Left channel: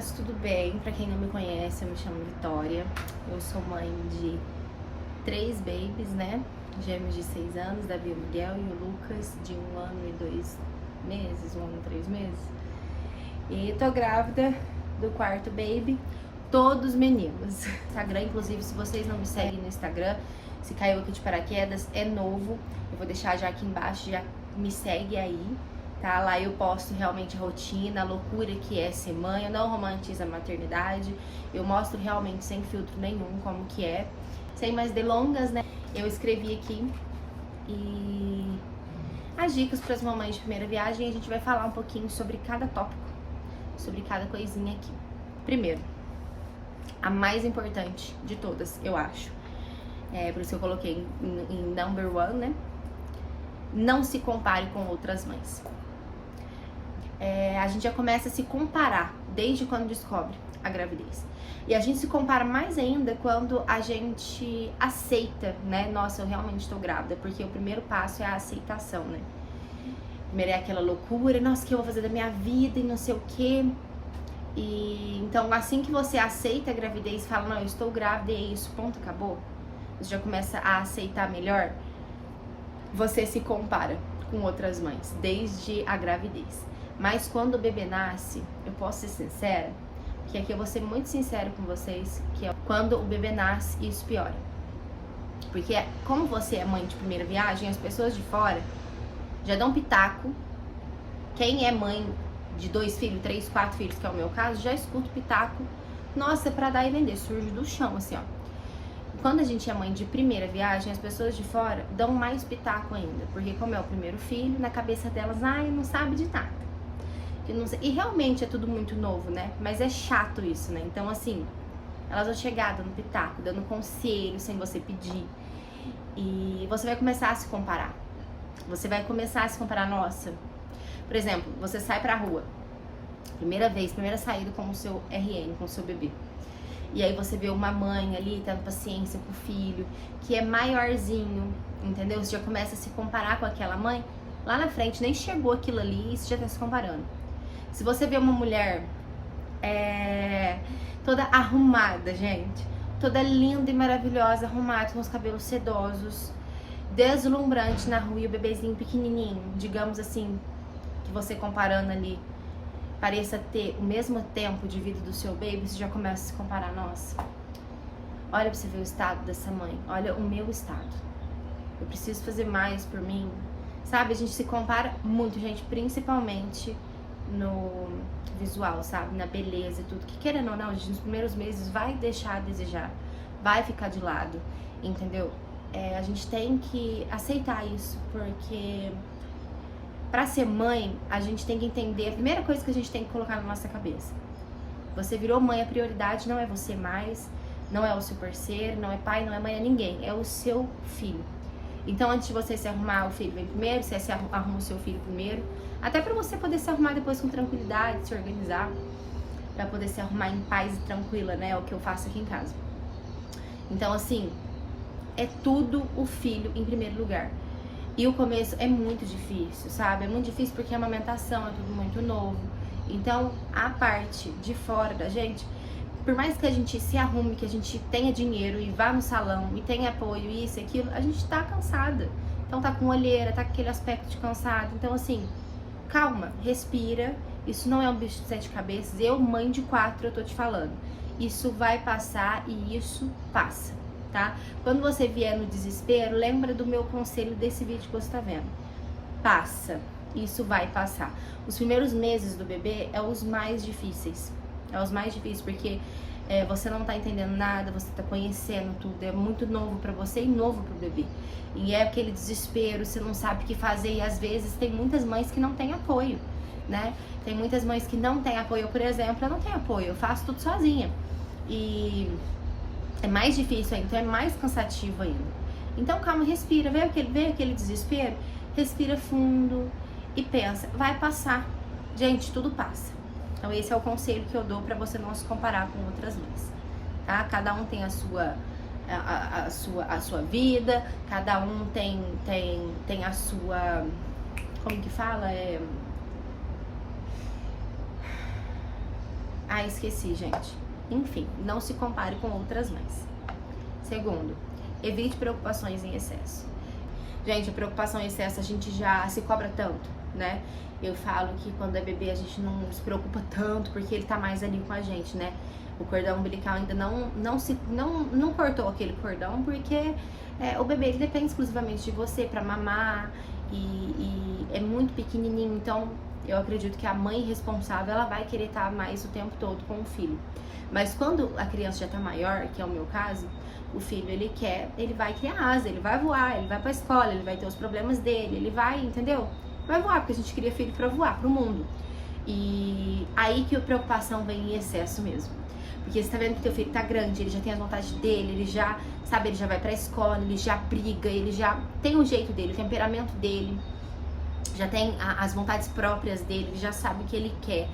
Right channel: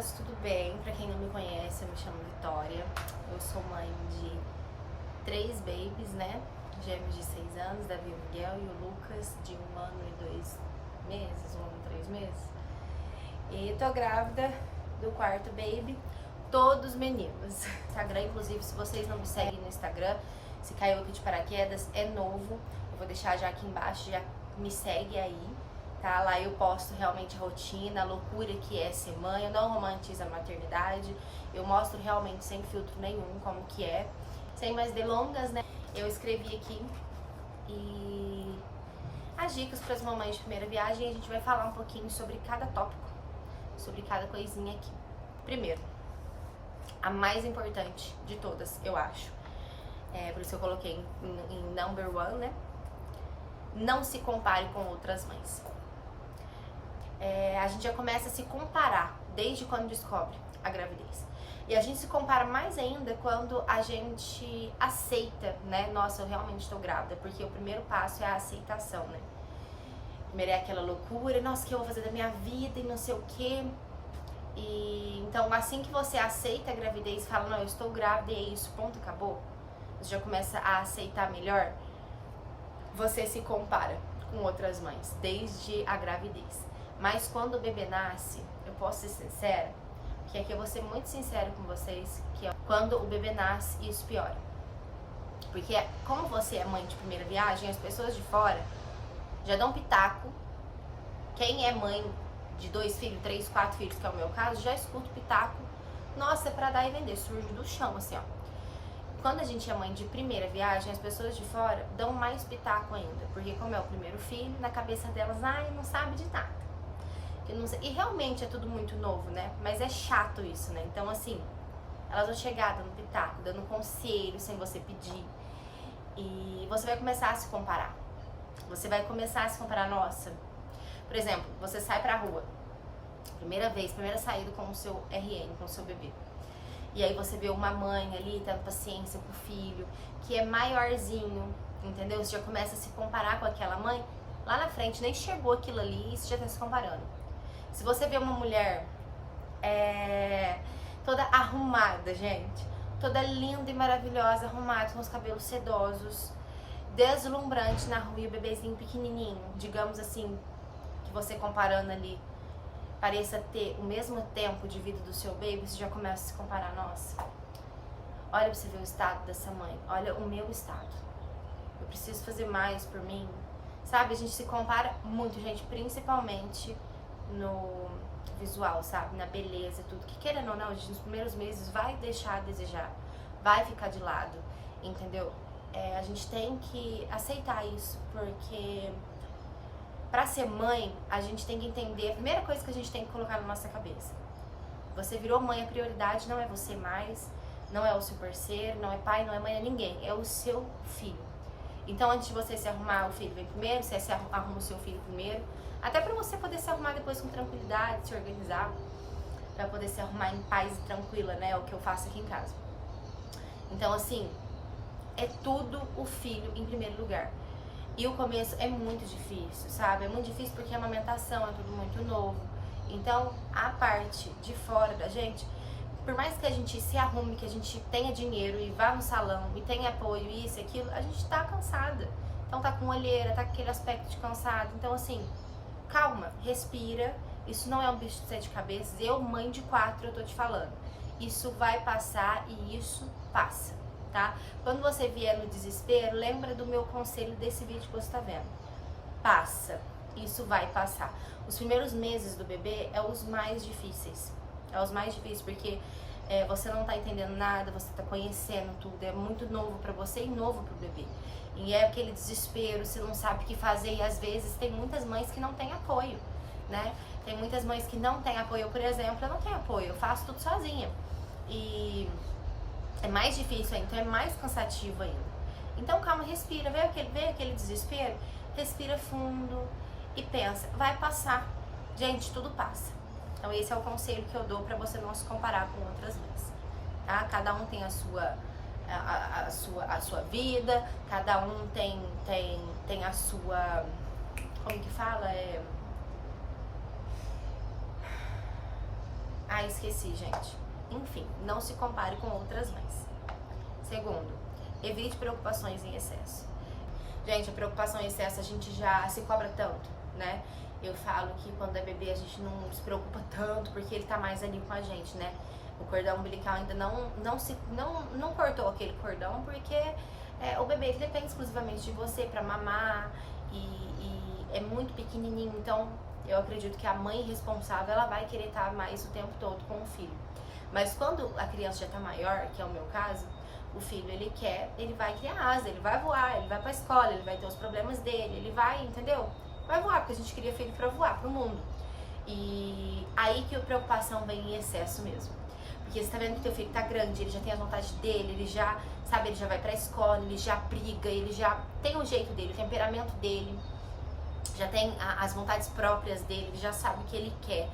meninas, tudo bem? Pra quem não me conhece, eu me chamo Vitória. Eu sou mãe de 3 babies, né? Gêmeos de 6 anos, Davi e Miguel, e o Lucas de 1 ano e 2 meses, 1 ano e 3 meses. E tô grávida do quarto baby, todos meninos. Instagram, inclusive, se vocês não me seguem no Instagram, se caiu aqui de paraquedas, é novo. Eu vou deixar já aqui embaixo, já me segue aí. Tá? Lá eu posto realmente a rotina, a loucura que é ser mãe, eu não romantizo a maternidade, eu mostro realmente sem filtro nenhum como que é. Sem mais delongas, né? Eu escrevi aqui e as dicas para as mamães de primeira viagem, a gente vai falar um pouquinho sobre cada tópico, sobre cada coisinha aqui. Primeiro, a mais importante de todas, eu acho, por isso eu coloquei em number one, né? Não se compare com outras mães. A gente já começa a se comparar desde quando descobre a gravidez. E a gente se compara mais ainda quando a gente aceita, né? Nossa, eu realmente estou grávida, porque o primeiro passo é a aceitação, né? Primeiro é aquela loucura, nossa, o que eu vou fazer da minha vida e não sei o quê. E então, assim que você aceita a gravidez e fala, não, eu estou grávida e é isso, ponto, acabou. Você já começa a aceitar melhor. Você se compara com outras mães, desde a gravidez. Mas quando o bebê nasce, eu posso ser sincera, que aqui eu vou ser muito sincera com vocês, que é quando o bebê nasce, isso piora. Porque como você é mãe de primeira viagem, as pessoas de fora já dão pitaco. Quem é mãe de 2 filhos, 3, 4 filhos, que é o meu caso, já escuta o pitaco. Nossa, pra dar e vender, surge do chão, assim, ó. Quando a gente é mãe de primeira viagem, as pessoas de fora dão mais pitaco ainda. Porque como é o primeiro filho, na cabeça delas, ai, não sabe de nada. E realmente é tudo muito novo, né? Mas é chato isso, né? Então, assim, elas vão chegar dando pitaco, dando conselho sem você pedir. E você vai começar a se comparar. Você vai começar a se comparar, nossa. Por exemplo, você sai pra rua. Primeira vez, primeira saída com o seu RN, com o seu bebê. E aí você vê uma mãe ali, tendo paciência com o filho, que é maiorzinho, entendeu? Você já começa a se comparar com aquela mãe. Lá na frente nem chegou aquilo ali e você já tá se comparando. Se você vê uma mulher toda arrumada, gente, toda linda e maravilhosa, arrumada, com os cabelos sedosos, deslumbrante na rua e o bebezinho pequenininho, digamos assim, que você comparando ali, pareça ter o mesmo tempo de vida do seu baby, você já começa a se comparar, nossa, olha pra você ver o estado dessa mãe, olha o meu estado, eu preciso fazer mais por mim, sabe? A gente se compara muito, gente, principalmente no visual, sabe? Na beleza e tudo. Que querendo ou não, a gente nos primeiros meses vai deixar a desejar, vai ficar de lado, entendeu? A gente tem que aceitar isso, porque pra ser mãe, a gente tem que entender, a primeira coisa que a gente tem que colocar na nossa cabeça. Você virou mãe, a prioridade não é você mais, não é o seu parceiro, não é pai, não é mãe, é ninguém, é o seu filho. Então, antes de você se arrumar, o filho vem primeiro, você se arruma o seu filho primeiro. Até pra você poder se arrumar depois com tranquilidade, se organizar. Pra poder se arrumar em paz e tranquila, né? É o que eu faço aqui em casa. Então, assim, é tudo o filho em primeiro lugar. E o começo é muito difícil, sabe? É muito difícil porque a amamentação é tudo muito novo. Então, a parte de fora da gente, por mais que a gente se arrume, que a gente tenha dinheiro e vá no salão e tenha apoio, isso e aquilo, a gente tá cansada. Então tá com olheira, tá com aquele aspecto de cansado. Então assim, calma, respira. Isso não é um bicho de 7 cabeças. Eu, mãe de 4, eu tô te falando. Isso vai passar e isso passa, tá? Quando você vier no desespero, lembra do meu conselho desse vídeo que você tá vendo. Passa, isso vai passar. Os primeiros meses do bebê é os mais difíceis. É os mais difíceis, porque você não tá entendendo nada, você tá conhecendo tudo, é muito novo pra você e novo pro bebê. E é aquele desespero, você não sabe o que fazer, e às vezes tem muitas mães que não têm apoio, né? Tem muitas mães que não têm apoio, por exemplo, eu não tenho apoio, eu faço tudo sozinha. E é mais difícil ainda, então é mais cansativo ainda. Então calma, respira, vê aquele desespero, respira fundo e pensa, vai passar. Gente, tudo passa. Então esse é o conselho que eu dou pra você não se comparar com outras mães, tá? Cada um tem a sua vida, cada um tem a sua, como que fala? Ah, esqueci, gente. Enfim, não se compare com outras mães. Segundo, evite preocupações em excesso. Gente, a preocupação em excesso a gente já se cobra tanto, né? Eu falo que quando é bebê a gente não se preocupa tanto porque ele tá mais ali com a gente, né? O cordão umbilical ainda não cortou aquele cordão porque o bebê ele depende exclusivamente de você pra mamar e é muito pequenininho, então eu acredito que a mãe responsável ela vai querer estar mais o tempo todo com o filho. Mas quando a criança já tá maior, que é o meu caso, o filho ele vai criar asa, ele vai voar, ele vai pra escola, ele vai ter os problemas dele, ele vai, entendeu? Vai voar, porque a gente cria filho pra voar pro mundo. E aí que a preocupação vem em excesso mesmo. Porque você tá vendo que teu filho tá grande, ele já tem as vontades dele, ele já, sabe, ele já vai pra escola, ele já briga, ele já tem o jeito dele, o temperamento dele, já tem as vontades próprias dele, ele já sabe o que ele quer.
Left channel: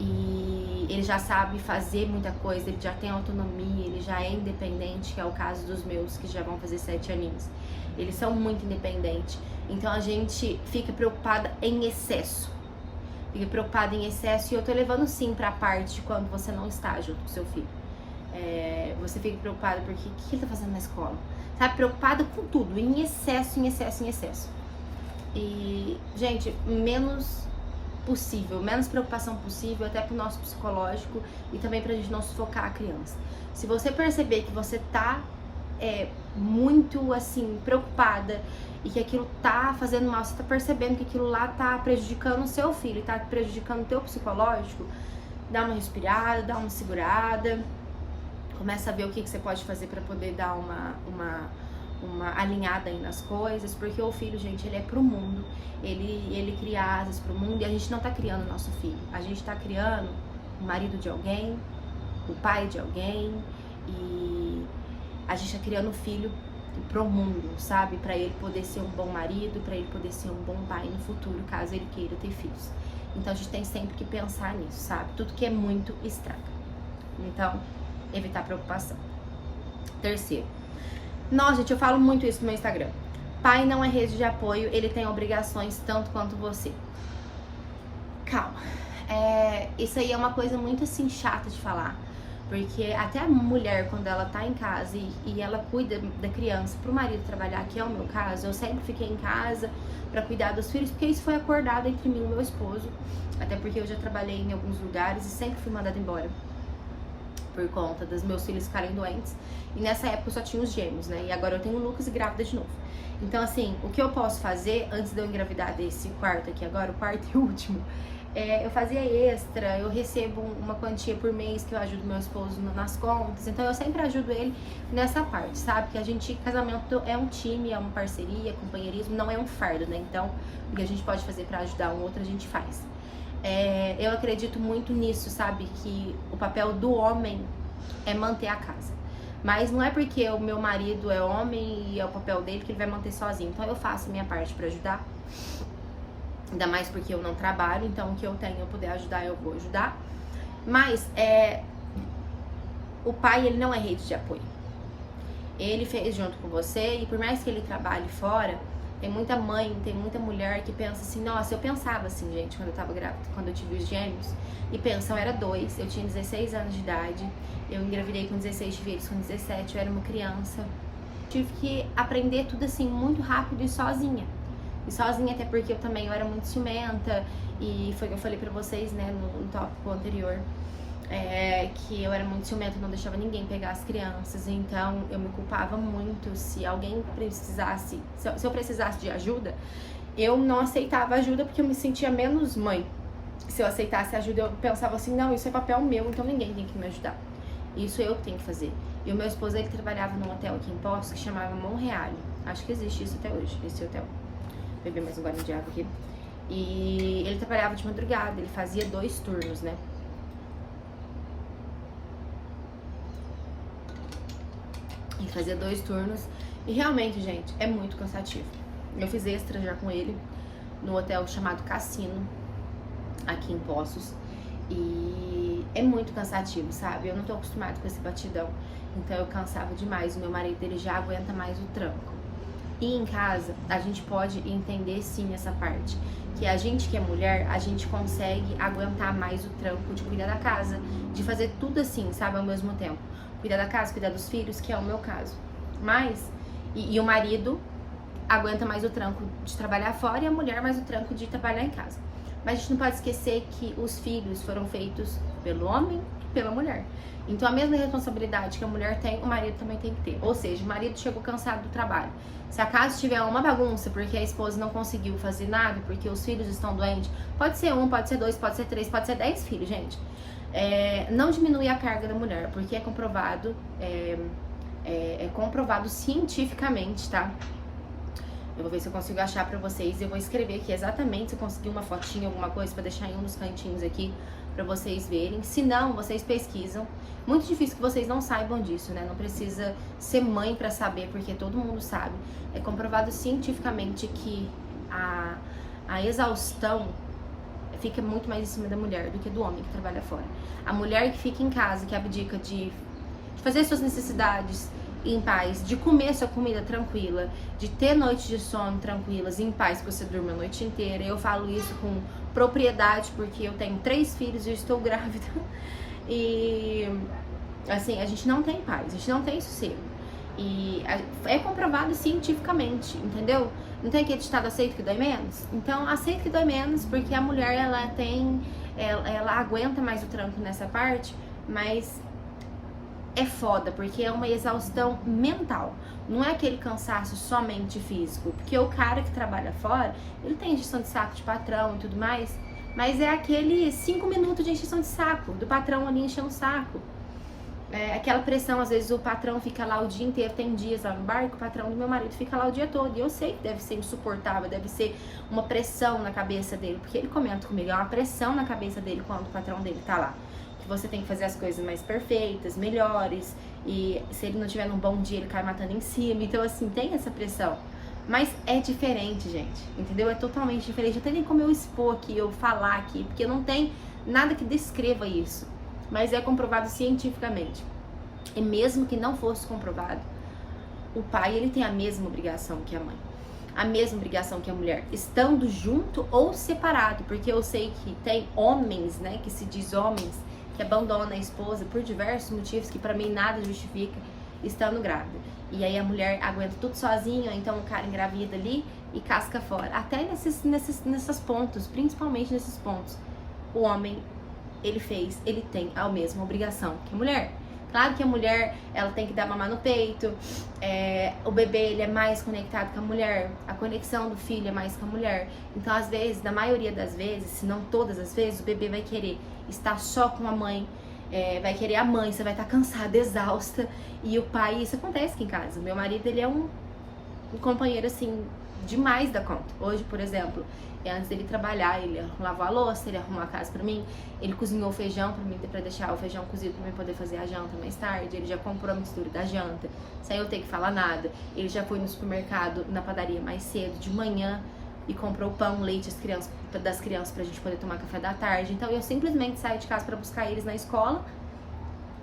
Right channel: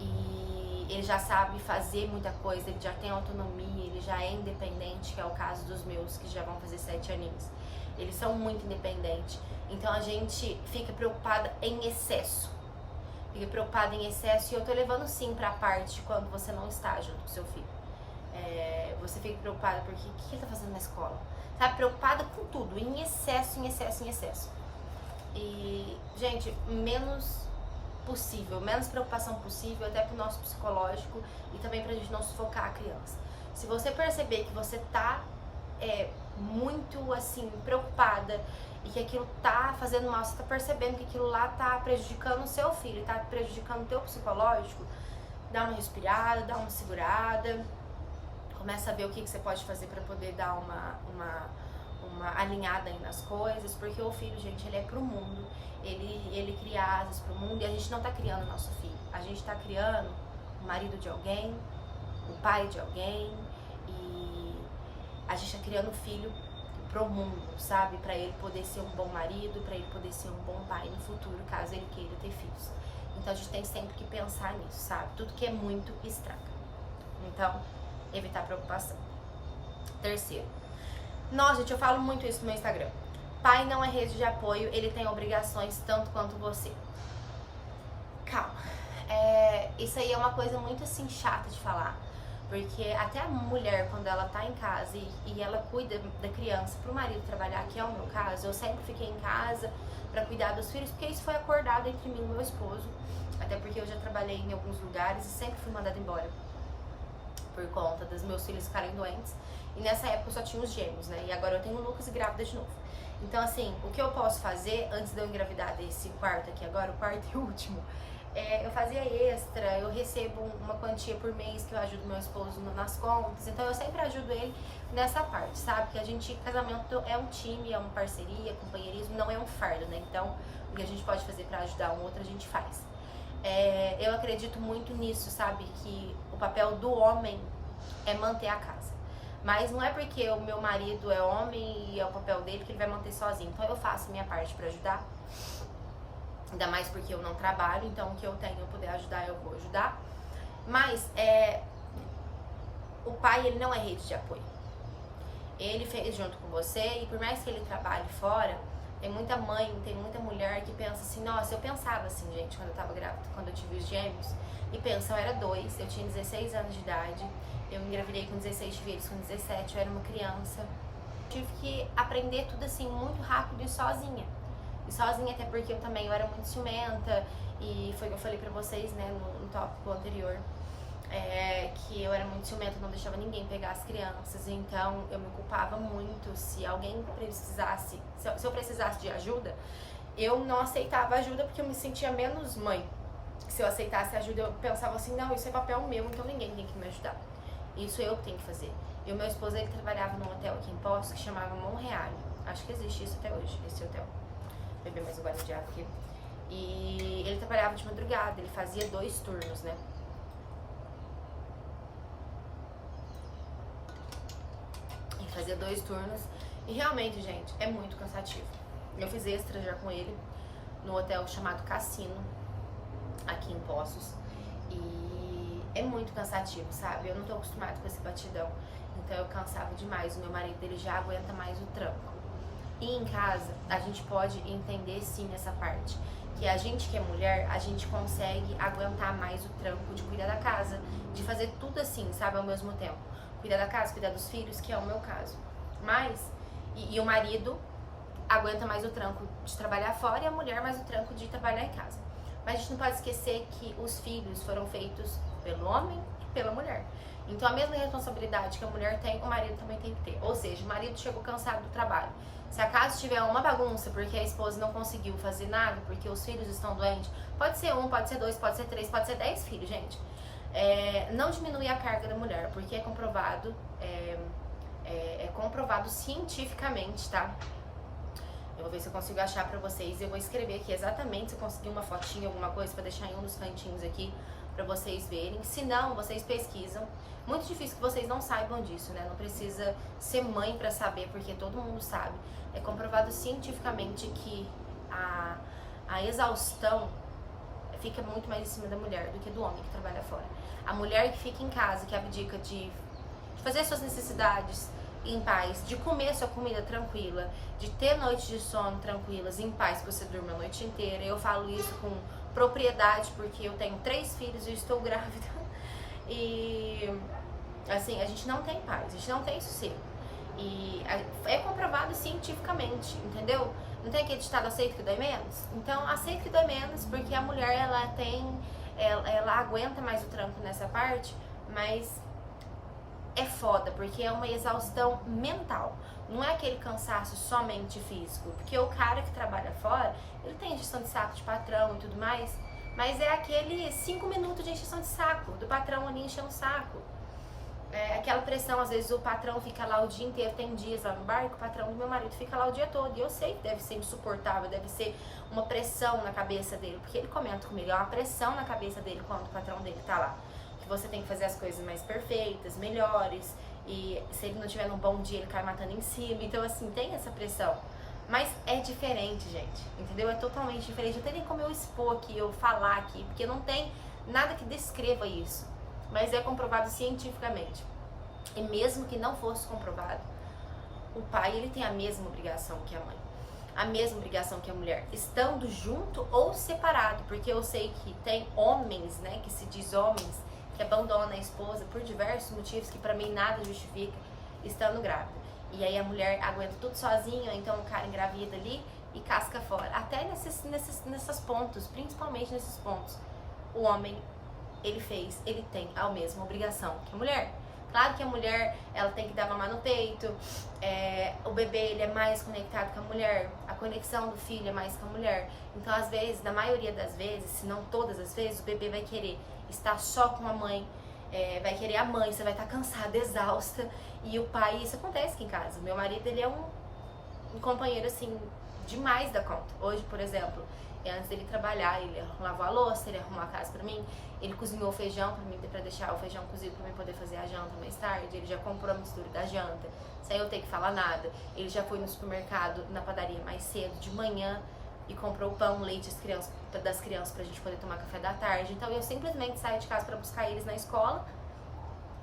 E ele já sabe fazer muita coisa, ele já tem autonomia, ele já é independente, que é o caso dos meus, que já vão fazer 7 aninhos. Eles são muito independentes. Então a gente fica preocupada em excesso. Fica preocupada em excesso e eu tô levando sim pra parte de quando você não está junto com seu filho. Você fica preocupada porque o que ele tá fazendo na escola? Sabe, preocupada com tudo, em excesso, em excesso, em excesso. E, gente, menos preocupação possível, até pro nosso psicológico e também pra gente não sufocar a criança. Se você perceber que você tá muito, assim, preocupada e que aquilo tá fazendo mal, você tá percebendo que aquilo lá tá prejudicando o seu filho, tá prejudicando o teu psicológico, dá uma respirada, dá uma segurada, começa a ver o que você pode fazer pra poder dar uma alinhada aí nas coisas, porque o filho, gente, ele é pro mundo, ele cria asas pro mundo e a gente não tá criando nosso filho, a gente tá criando o marido de alguém, o pai de alguém e a gente tá criando o filho pro mundo, sabe? Pra ele poder ser um bom marido, pra ele poder ser um bom pai no futuro, caso ele queira ter filhos. Então a gente tem sempre que pensar nisso, sabe? Tudo que é muito estraga. Então, evitar preocupação. Terceiro. Nossa, gente, eu falo muito isso no meu Instagram. Pai não é rede de apoio, ele tem obrigações tanto quanto você. Calma. Isso aí é uma coisa muito assim chata de falar. Porque até a mulher, quando ela tá em casa e ela cuida da criança pro marido trabalhar, que é o meu caso, eu sempre fiquei em casa pra cuidar dos filhos, porque isso foi acordado entre mim e o meu esposo. Até porque eu já trabalhei em alguns lugares e sempre fui mandada embora por conta dos meus filhos ficarem doentes. E nessa época eu só tinha os gêmeos, né? E agora eu tenho o Lucas e grávida de novo. Então, assim, o que eu posso fazer antes de eu engravidar desse quarto aqui agora, o quarto e último, eu fazia extra, eu recebo uma quantia por mês que eu ajudo meu esposo nas contas. Então eu sempre ajudo ele nessa parte, sabe? Que a gente, casamento é um time, é uma parceria, companheirismo, não é um fardo, né? Então, o que a gente pode fazer pra ajudar um outro, a gente faz. Eu acredito muito nisso, sabe? Que o papel do homem é manter a casa. Mas não é porque o meu marido é homem e é o papel dele que ele vai manter sozinho. Então eu faço a minha parte pra ajudar. Ainda mais porque eu não trabalho, então o que eu tenho eu puder ajudar, eu vou ajudar. Mas o pai, ele não é rede de apoio. Ele fez junto com você e por mais que ele trabalhe fora, tem muita mãe, tem muita mulher que pensa assim, nossa, eu pensava assim, gente, quando eu tava grávida, quando eu tive os gêmeos, e pensa, eu era 2, eu tinha 16 anos de idade, eu engravidei com 16, tive eles com 17, eu era uma criança. Tive que aprender tudo assim, muito rápido e sozinha. E sozinha até porque eu era muito ciumenta, e foi o que eu falei pra vocês, né, no tópico anterior, que eu era muito ciumenta, não deixava ninguém pegar as crianças, então eu me culpava muito se alguém precisasse, se eu precisasse de ajuda, eu não aceitava ajuda porque eu me sentia menos mãe. Se eu aceitasse ajuda, eu pensava assim, não, isso é papel meu, então ninguém tem que me ajudar. Isso eu que tenho que fazer. E o meu esposo, ele trabalhava num hotel aqui em Poços que chamava Monreale. Acho que existe isso até hoje, esse hotel. Vou beber mais um gole de água aqui. E ele trabalhava de madrugada, ele fazia 2 turnos, né? Ele fazia 2 turnos. E realmente, gente, é muito cansativo. Eu fiz extra já com ele no hotel chamado Cassino, aqui em Poços. E é muito cansativo, sabe? Eu não tô acostumada com esse batidão. Então eu cansava demais. O meu marido, ele já aguenta mais o tranco. E em casa, a gente pode entender sim essa parte, porque a gente que é mulher, a gente consegue aguentar mais o trampo de cuidar da casa, de fazer tudo assim, sabe, ao mesmo tempo. Cuidar da casa, cuidar dos filhos, que é o meu caso. Mas, e o marido aguenta mais o tranco de trabalhar fora e a mulher mais o tranco de trabalhar em casa. Mas a gente não pode esquecer que os filhos foram feitos pelo homem e pela mulher. Então a mesma responsabilidade que a mulher tem, o marido também tem que ter. Ou seja, o marido chegou cansado do trabalho. Se a casa tiver uma bagunça porque a esposa não conseguiu fazer nada, porque os filhos estão doentes, pode ser um, pode ser dois, pode ser três, pode ser 10 filhos, gente. Não diminui a carga da mulher, porque é comprovado, comprovado cientificamente, tá? Eu vou ver se eu consigo achar pra vocês. Eu vou escrever aqui exatamente, se eu conseguir uma fotinha, alguma coisa, pra deixar em um dos cantinhos aqui, pra vocês verem. Se não, vocês pesquisam. Muito difícil que vocês não saibam disso, né? Não precisa ser mãe pra saber, porque todo mundo sabe. É comprovado cientificamente que a exaustão fica muito mais em cima da mulher do que do homem que trabalha fora. A mulher que fica em casa, que abdica de fazer suas necessidades em paz, de comer sua comida tranquila, de ter noites de sono tranquilas, em paz, que você durma a noite inteira. Eu falo isso com propriedade, porque eu tenho 3 filhos e eu estou grávida. E, assim, a gente não tem paz, a gente não tem sossego. E é comprovado cientificamente, entendeu? Não tem aquele ditado aceito que dói menos? Então, aceito que dói menos, porque a mulher, ela aguenta mais o tranco nessa parte, mas é foda, porque é uma exaustão mental. Não é aquele cansaço somente físico, porque o cara que trabalha fora, ele tem injeção de saco de patrão e tudo mais, mas é aquele 5 minutos de injeção de saco, do patrão ali enchendo o saco. Aquela pressão, às vezes o patrão fica lá o dia inteiro, tem dias lá no barco, o patrão do meu marido fica lá o dia todo, e eu sei que deve ser insuportável, deve ser uma pressão na cabeça dele, porque ele comenta comigo, é uma pressão na cabeça dele quando o patrão dele tá lá. Que você tem que fazer as coisas mais perfeitas, melhores, e se ele não tiver num bom dia, ele cai matando em cima. Então, assim, tem essa pressão. Mas é diferente, gente, entendeu? É totalmente diferente. Não tem nem como eu expor aqui, eu falar aqui, porque não tem nada que descreva isso. Mas é comprovado cientificamente. E mesmo que não fosse comprovado, o pai, ele tem a mesma obrigação que a mãe. A mesma obrigação que a mulher, estando junto ou separado. Porque eu sei que tem homens, né, que se diz homens, que abandona a esposa por diversos motivos que pra mim nada justifica, estando grávida. E aí a mulher aguenta tudo sozinha, então o cara engravida ali e casca fora. Até nesses pontos, principalmente nesses pontos, o homem, ele tem a mesma obrigação que a mulher. Claro que a mulher, ela tem que dar mamar no peito, o bebê, ele é mais conectado com a mulher, a conexão do filho é mais com a mulher. Então, às vezes, na maioria das vezes, se não todas as vezes, o bebê vai querer estar só com a mãe, vai querer a mãe, você vai estar cansada, exausta, e o pai, isso acontece aqui em casa. Meu marido, ele é um companheiro, assim, demais da conta. Hoje, por exemplo, antes dele trabalhar, ele lavou a louça, ele arrumou a casa pra mim, ele cozinhou o feijão pra mim, pra deixar o feijão cozido pra mim poder fazer a janta mais tarde, ele já comprou a mistura da janta, sem eu ter que falar nada. Ele já foi no supermercado, na padaria mais cedo, de manhã, e comprou pão, leite das crianças pra gente poder tomar café da tarde. Então eu simplesmente saio de casa pra buscar eles na escola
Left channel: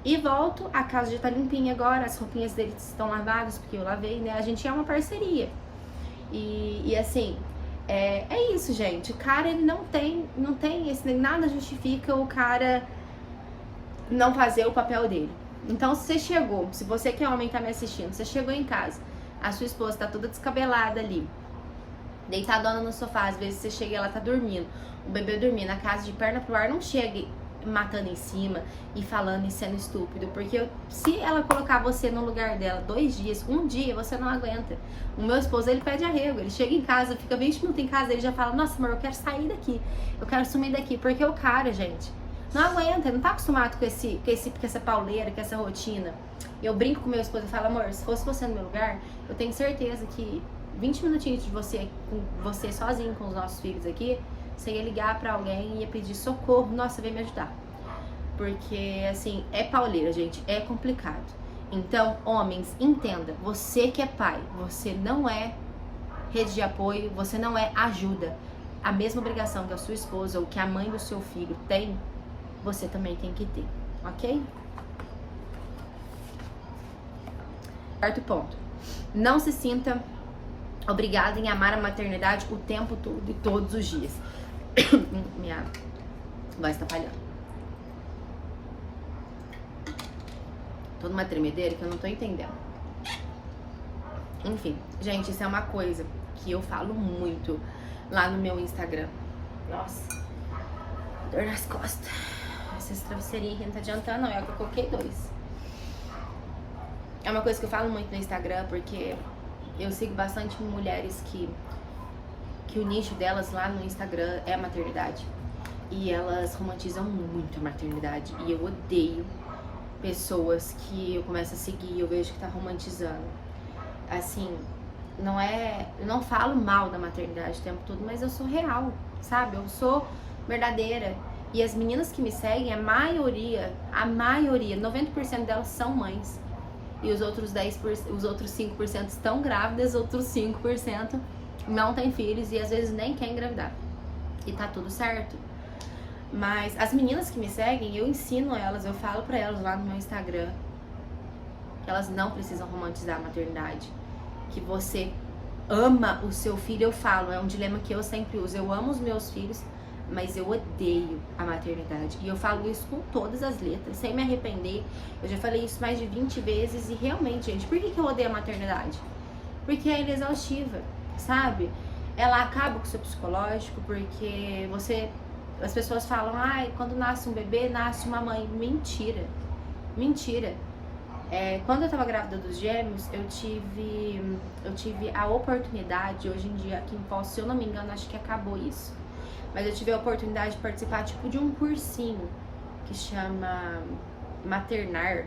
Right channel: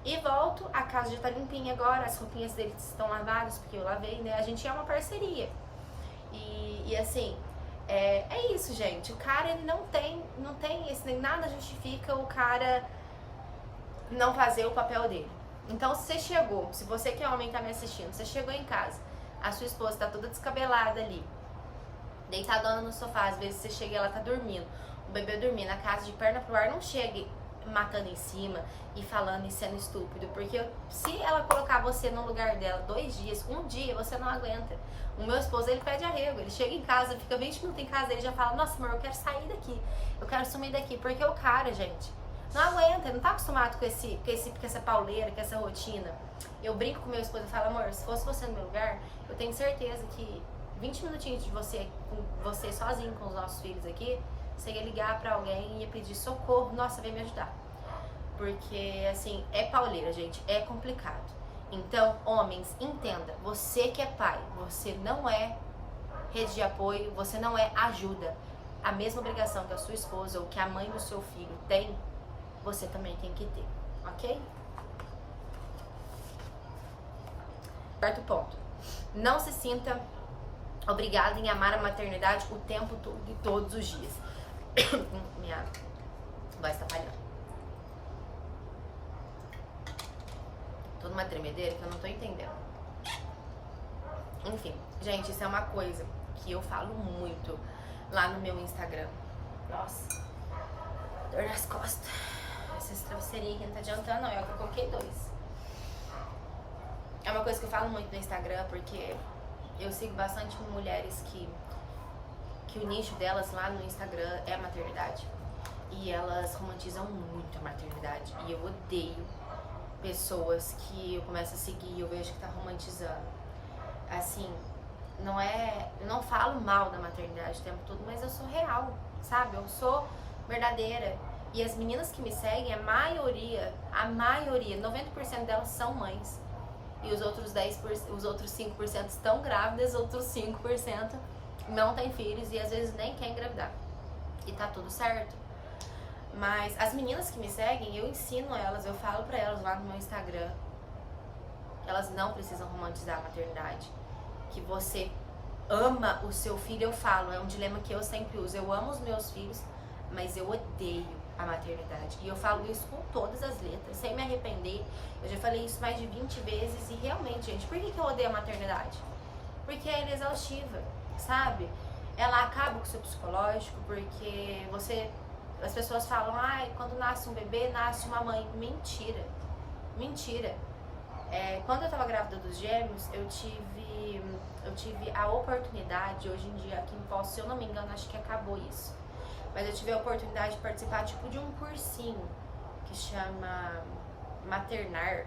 e volto, a casa já tá limpinha agora, as roupinhas deles estão lavadas, porque eu lavei, né? A gente é uma parceria. E assim, é isso, gente. O cara, ele não tem nada justifica o cara não fazer o papel dele. Então, se você que é homem tá me assistindo, você chegou em casa, a sua esposa tá toda descabelada ali, deitadona no sofá, às vezes você chega e ela tá dormindo, o bebê dormindo, a casa de perna pro ar, não chegue matando em cima e falando e sendo estúpido, porque se ela colocar você no lugar dela 2 dias, um dia, você não aguenta. O meu esposo, ele pede arrego, ele chega em casa, fica 20 minutos em casa, ele já fala, nossa amor, eu quero sair daqui, eu quero sumir daqui, porque o cara, gente, não aguenta, não tá acostumado com essa pauleira, com essa rotina. Eu brinco com meu esposo e falo, amor, se fosse você no meu lugar, eu tenho certeza que 20 minutinhos de você, com você sozinho com os nossos filhos aqui, você ia ligar pra alguém e ia pedir socorro, nossa, vem me ajudar. Porque, assim, é pauleira, gente, é complicado. Então, homens, entenda, você que é pai, você não é rede de apoio, você não é ajuda. A mesma obrigação que a sua esposa ou que a mãe do seu filho tem, você também tem que ter, ok? Quarto ponto, não se sinta obrigada em amar a maternidade o tempo todo e todos os dias. Minha voz tá falhando. Tô numa tremedeira que eu não tô entendendo. Enfim, gente, isso é uma coisa que eu falo muito lá no meu Instagram. Nossa, dor nas costas. Esses travesseirinhos aqui não tá adiantando, não. É que eu coloquei 2. É uma coisa que eu falo muito no Instagram, porque eu sigo bastante mulheres que o nicho delas lá no Instagram é a maternidade. E elas romantizam muito a maternidade. E eu odeio pessoas que eu começo a seguir e eu vejo que tá romantizando. Assim, eu não falo mal da maternidade o tempo todo, mas eu sou real, sabe? Eu sou verdadeira. E as meninas que me seguem, a maioria, 90% delas são mães. E os outros 5% estão grávidas, outros 5% não têm filhos e às vezes nem querem engravidar. E tá tudo certo. Mas as meninas que me seguem, eu ensino elas, eu falo pra elas lá no meu Instagram que elas não precisam romantizar a maternidade. Que você ama o seu filho, eu falo, é um dilema que eu sempre uso. Eu amo os meus filhos, mas eu odeio a maternidade. E eu falo isso com todas as letras, sem me arrepender. Eu já falei isso mais de 20 vezes e realmente, gente, por que eu odeio a maternidade? Porque ela é exaustiva, sabe? Ela acaba com o seu psicológico, porque as pessoas falam, ai, quando nasce um bebê, nasce uma mãe. Mentira, mentira. Quando eu tava grávida dos gêmeos, eu tive a oportunidade, hoje em dia aqui em Foz, se eu não me engano, acho que acabou isso. Mas eu tive a oportunidade de participar, tipo, de um cursinho que chama Maternar.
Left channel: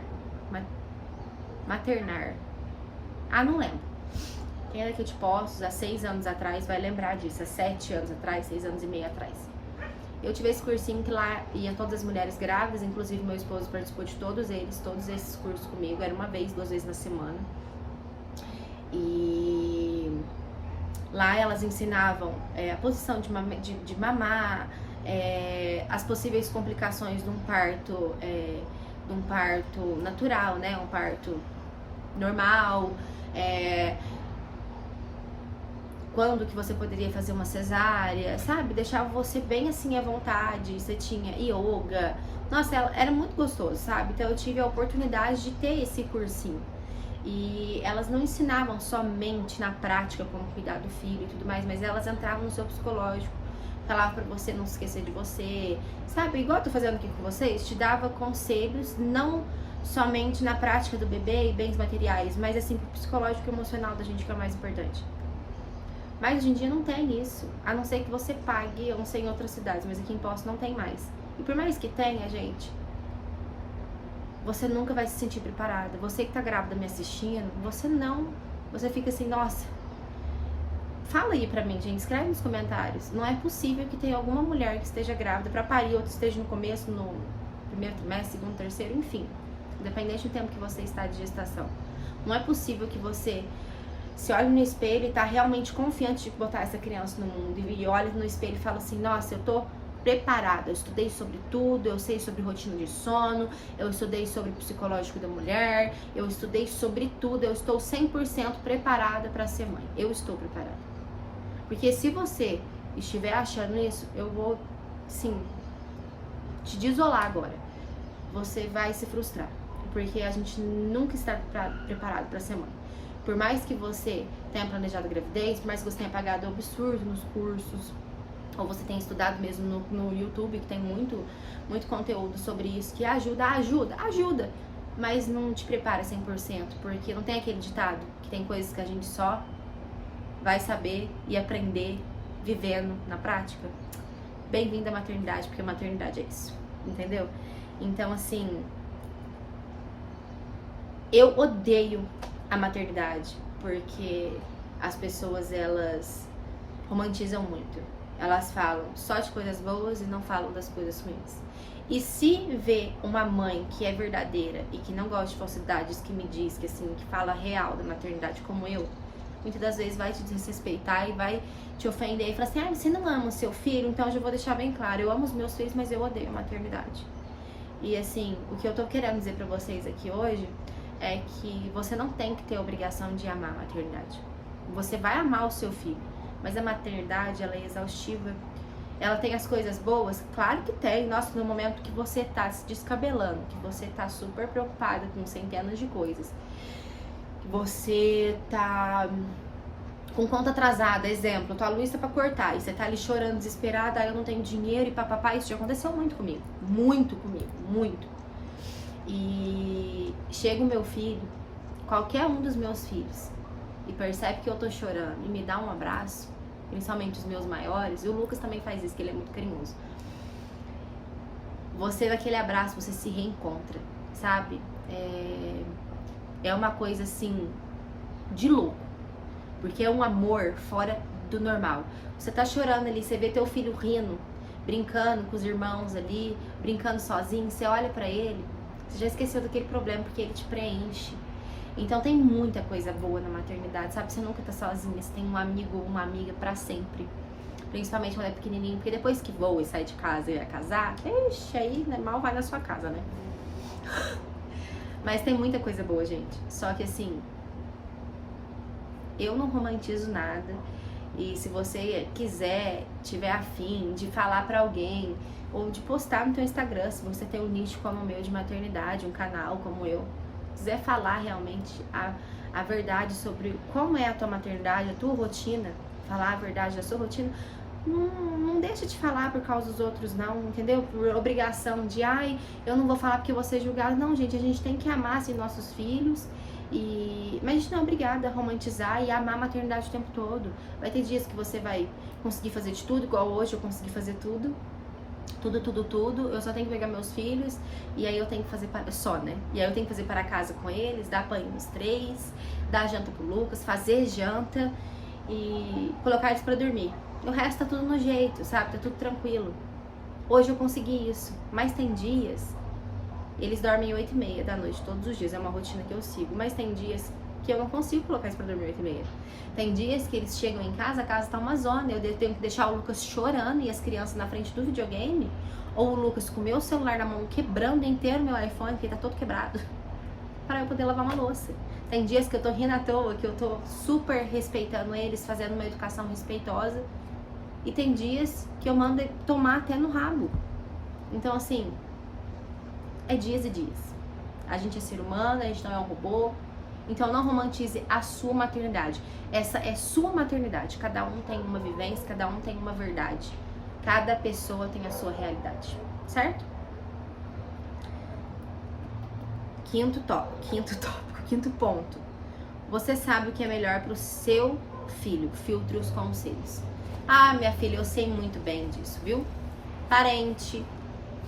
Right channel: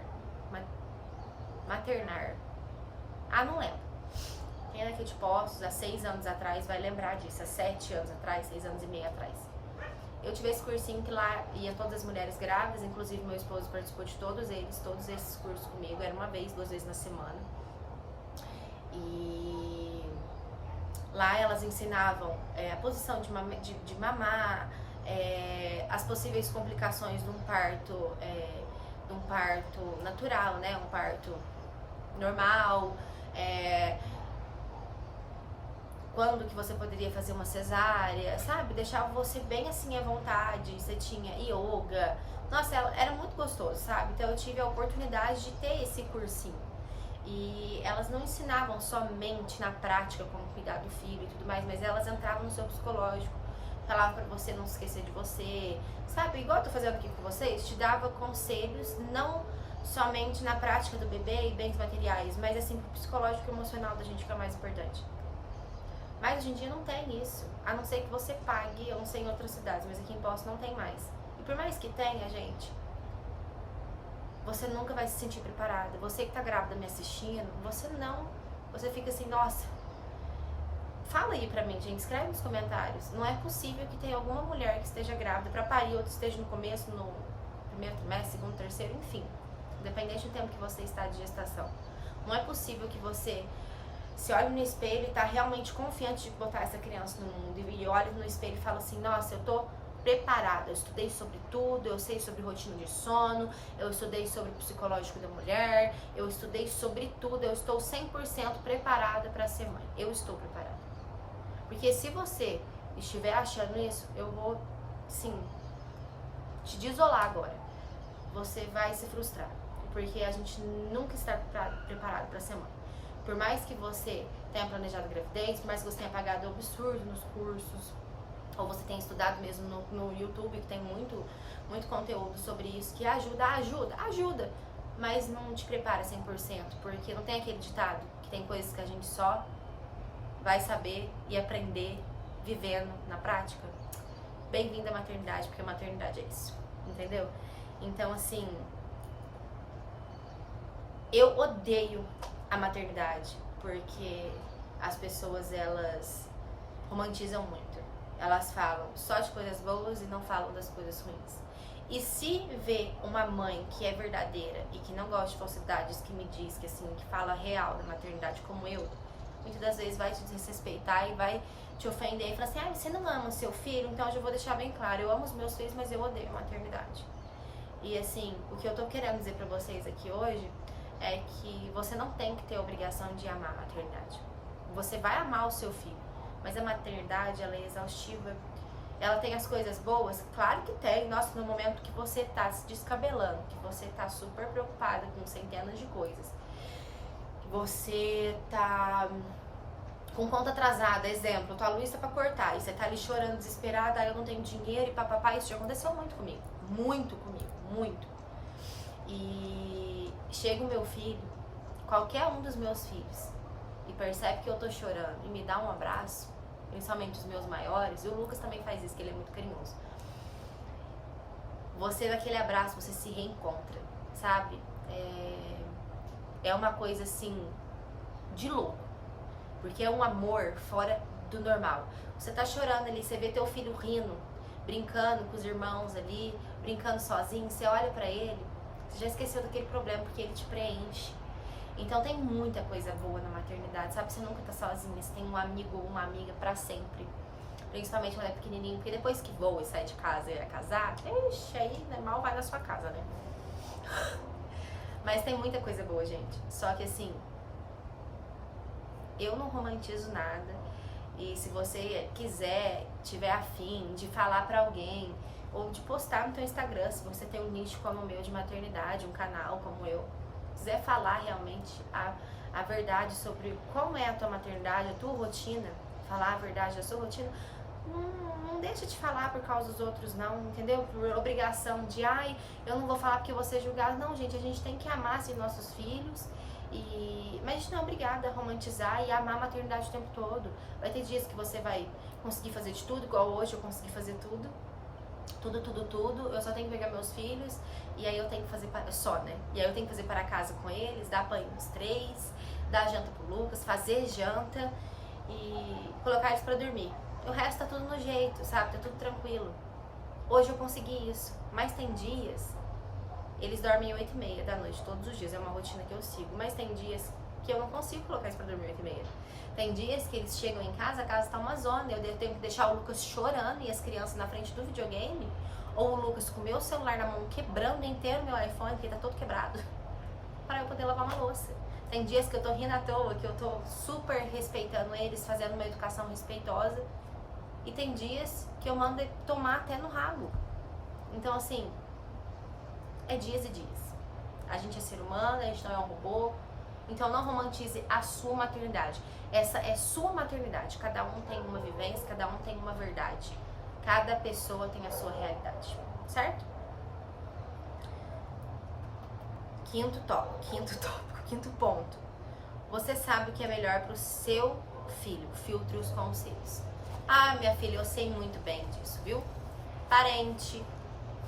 Ah, não lembro. Quem é daqui de Poços, há 6 anos atrás, vai lembrar disso. Há 7 anos atrás, 6 anos e meio atrás. Eu tive esse cursinho que lá ia todas as mulheres grávidas, inclusive meu esposo participou de todos esses cursos comigo. Era 1 vez, 2 vezes na semana. E lá elas ensinavam a posição de mamar, as possíveis complicações de um parto natural, né? Um parto normal, quando que você poderia fazer uma cesárea, sabe? Deixava você bem assim à vontade, você tinha yoga. Nossa, era muito gostoso, sabe? Então eu tive a oportunidade de ter esse cursinho. E elas não ensinavam somente na prática como cuidar do filho e tudo mais, mas elas entravam no seu psicológico, falavam pra você não se esquecer de você, sabe? Igual eu tô fazendo aqui com vocês, te dava conselhos, não somente na prática do bebê e bens materiais, mas assim pro psicológico e emocional da gente, que é o mais importante. Mas hoje em dia não tem isso, a não ser que você pague, eu não sei em outras cidades, mas aqui em Poços não tem mais. E por mais que tenha, gente, você nunca vai se sentir preparada. Você que tá grávida me assistindo, você fica assim, nossa, fala aí pra mim, gente, escreve nos comentários. Não é possível que tenha alguma mulher que esteja grávida pra parir, outra esteja no começo, no primeiro trimestre, segundo, terceiro, enfim, independente do tempo que você está de gestação. Não é possível que você se olhe no espelho e tá realmente confiante de botar essa criança no mundo e olha no espelho e fala assim, nossa, eu tô preparada, eu estudei sobre tudo, eu sei sobre rotina de sono, eu estudei sobre o psicológico da mulher, eu estudei sobre tudo, eu estou 100% preparada para ser mãe, eu estou preparada. Porque se você estiver achando isso, eu vou, sim, te desolar agora. Você vai se frustrar, porque a gente nunca está preparado para ser mãe. Por mais que você tenha planejado a gravidez, por mais que você tenha pagado absurdo nos cursos, ou você tenha estudado mesmo no YouTube, que tem muito conteúdo sobre isso, que ajuda, mas não te prepara 100%, porque não tem aquele ditado, que tem coisas que a gente só vai saber e aprender vivendo na prática. Bem-vinda à maternidade, porque a maternidade é isso, entendeu? Então, assim, eu odeio a maternidade, porque as pessoas, elas romantizam muito. Elas falam só de coisas boas e não falam das coisas ruins. E se vê uma mãe que é verdadeira e que não gosta de falsidades, que me diz que assim, que fala real da maternidade como eu, muitas das vezes vai te desrespeitar e vai te ofender e falar assim, você não ama o seu filho? Então eu já vou deixar bem claro, eu amo os meus filhos, mas eu odeio a maternidade. E assim, o que eu tô querendo dizer pra vocês aqui hoje é que você não tem que ter a obrigação de amar a maternidade. Você vai amar o seu filho, mas a maternidade, ela é exaustiva Ela tem as coisas boas? Claro que tem. Nossa, no momento que você tá se descabelando, que você tá super preocupada com centenas de coisas, que você tá com conta atrasada, exemplo, tua luz tá pra cortar e você tá ali chorando, desesperada, eu não tenho dinheiro e papapá, isso já aconteceu muito comigo, muito. E chega o meu filho, qualquer um dos meus filhos, e percebe que eu tô chorando e me dá um abraço, principalmente os meus maiores, e o Lucas também faz isso, que ele é muito carinhoso. Você, naquele abraço, você se reencontra, sabe? É uma coisa assim, de louco, porque é um amor fora do normal. Você tá chorando ali, você vê teu filho rindo, brincando com os irmãos ali, brincando sozinho, você olha pra ele, você já esqueceu daquele problema, porque ele te preenche. Então tem muita coisa boa na maternidade, sabe? Você nunca tá sozinha, você tem um amigo ou uma amiga pra sempre. Principalmente quando é pequenininho, porque depois que voa e sai de casa e vai casar, ixi, aí né, mal vai na sua casa, né? Mas tem muita coisa boa, gente. Só que assim, eu não romantizo nada. E se você quiser, tiver afim de falar pra alguém, ou de postar no teu Instagram, se você tem um nicho como o meu de maternidade, um canal como eu, quiser falar realmente a verdade sobre como é a tua maternidade, a tua rotina, falar a verdade da sua rotina, não deixa de falar por causa dos outros não, entendeu? Por obrigação de, ai, eu não vou falar porque você é julgado. Não, gente, a gente tem que amar assim, nossos filhos, mas a gente não é obrigada a romantizar e amar a maternidade o tempo todo. Vai ter dias que você vai conseguir fazer de tudo, igual hoje eu consegui fazer tudo. Tudo, eu só tenho que pegar meus filhos e aí eu tenho que fazer só, né? E aí eu tenho que fazer para casa com eles, dar banho nos 3, dar janta pro Lucas, fazer janta e colocar eles pra dormir. O resto tá tudo no jeito, sabe? Tá tudo tranquilo. Hoje eu consegui isso, mas tem dias, eles dormem 8h30 da noite todos os dias, é uma rotina que eu sigo, mas tem dias que eu não consigo colocar eles pra dormir 8h30. Tem dias que eles chegam em casa, a casa tá uma zona, eu tenho que deixar o Lucas chorando e as crianças na frente do videogame, ou o Lucas com o meu celular na mão, quebrando inteiro meu iPhone, porque tá todo quebrado, para eu poder lavar uma louça. Tem dias que eu tô rindo à toa, que eu tô super respeitando eles, fazendo uma educação respeitosa, e tem dias que eu mando tomar até no rabo. Então assim, é dias e dias. A gente é ser humano, a gente não é um robô. Então não romantize a sua maternidade. Essa é sua maternidade. Cada um tem uma vivência, cada um tem uma verdade. Cada pessoa tem a sua realidade, certo? Quinto tópico, quinto ponto. Você sabe o que é melhor pro seu filho. Filtre os conselhos. Ah, minha filha, eu sei muito bem disso, viu? Parente,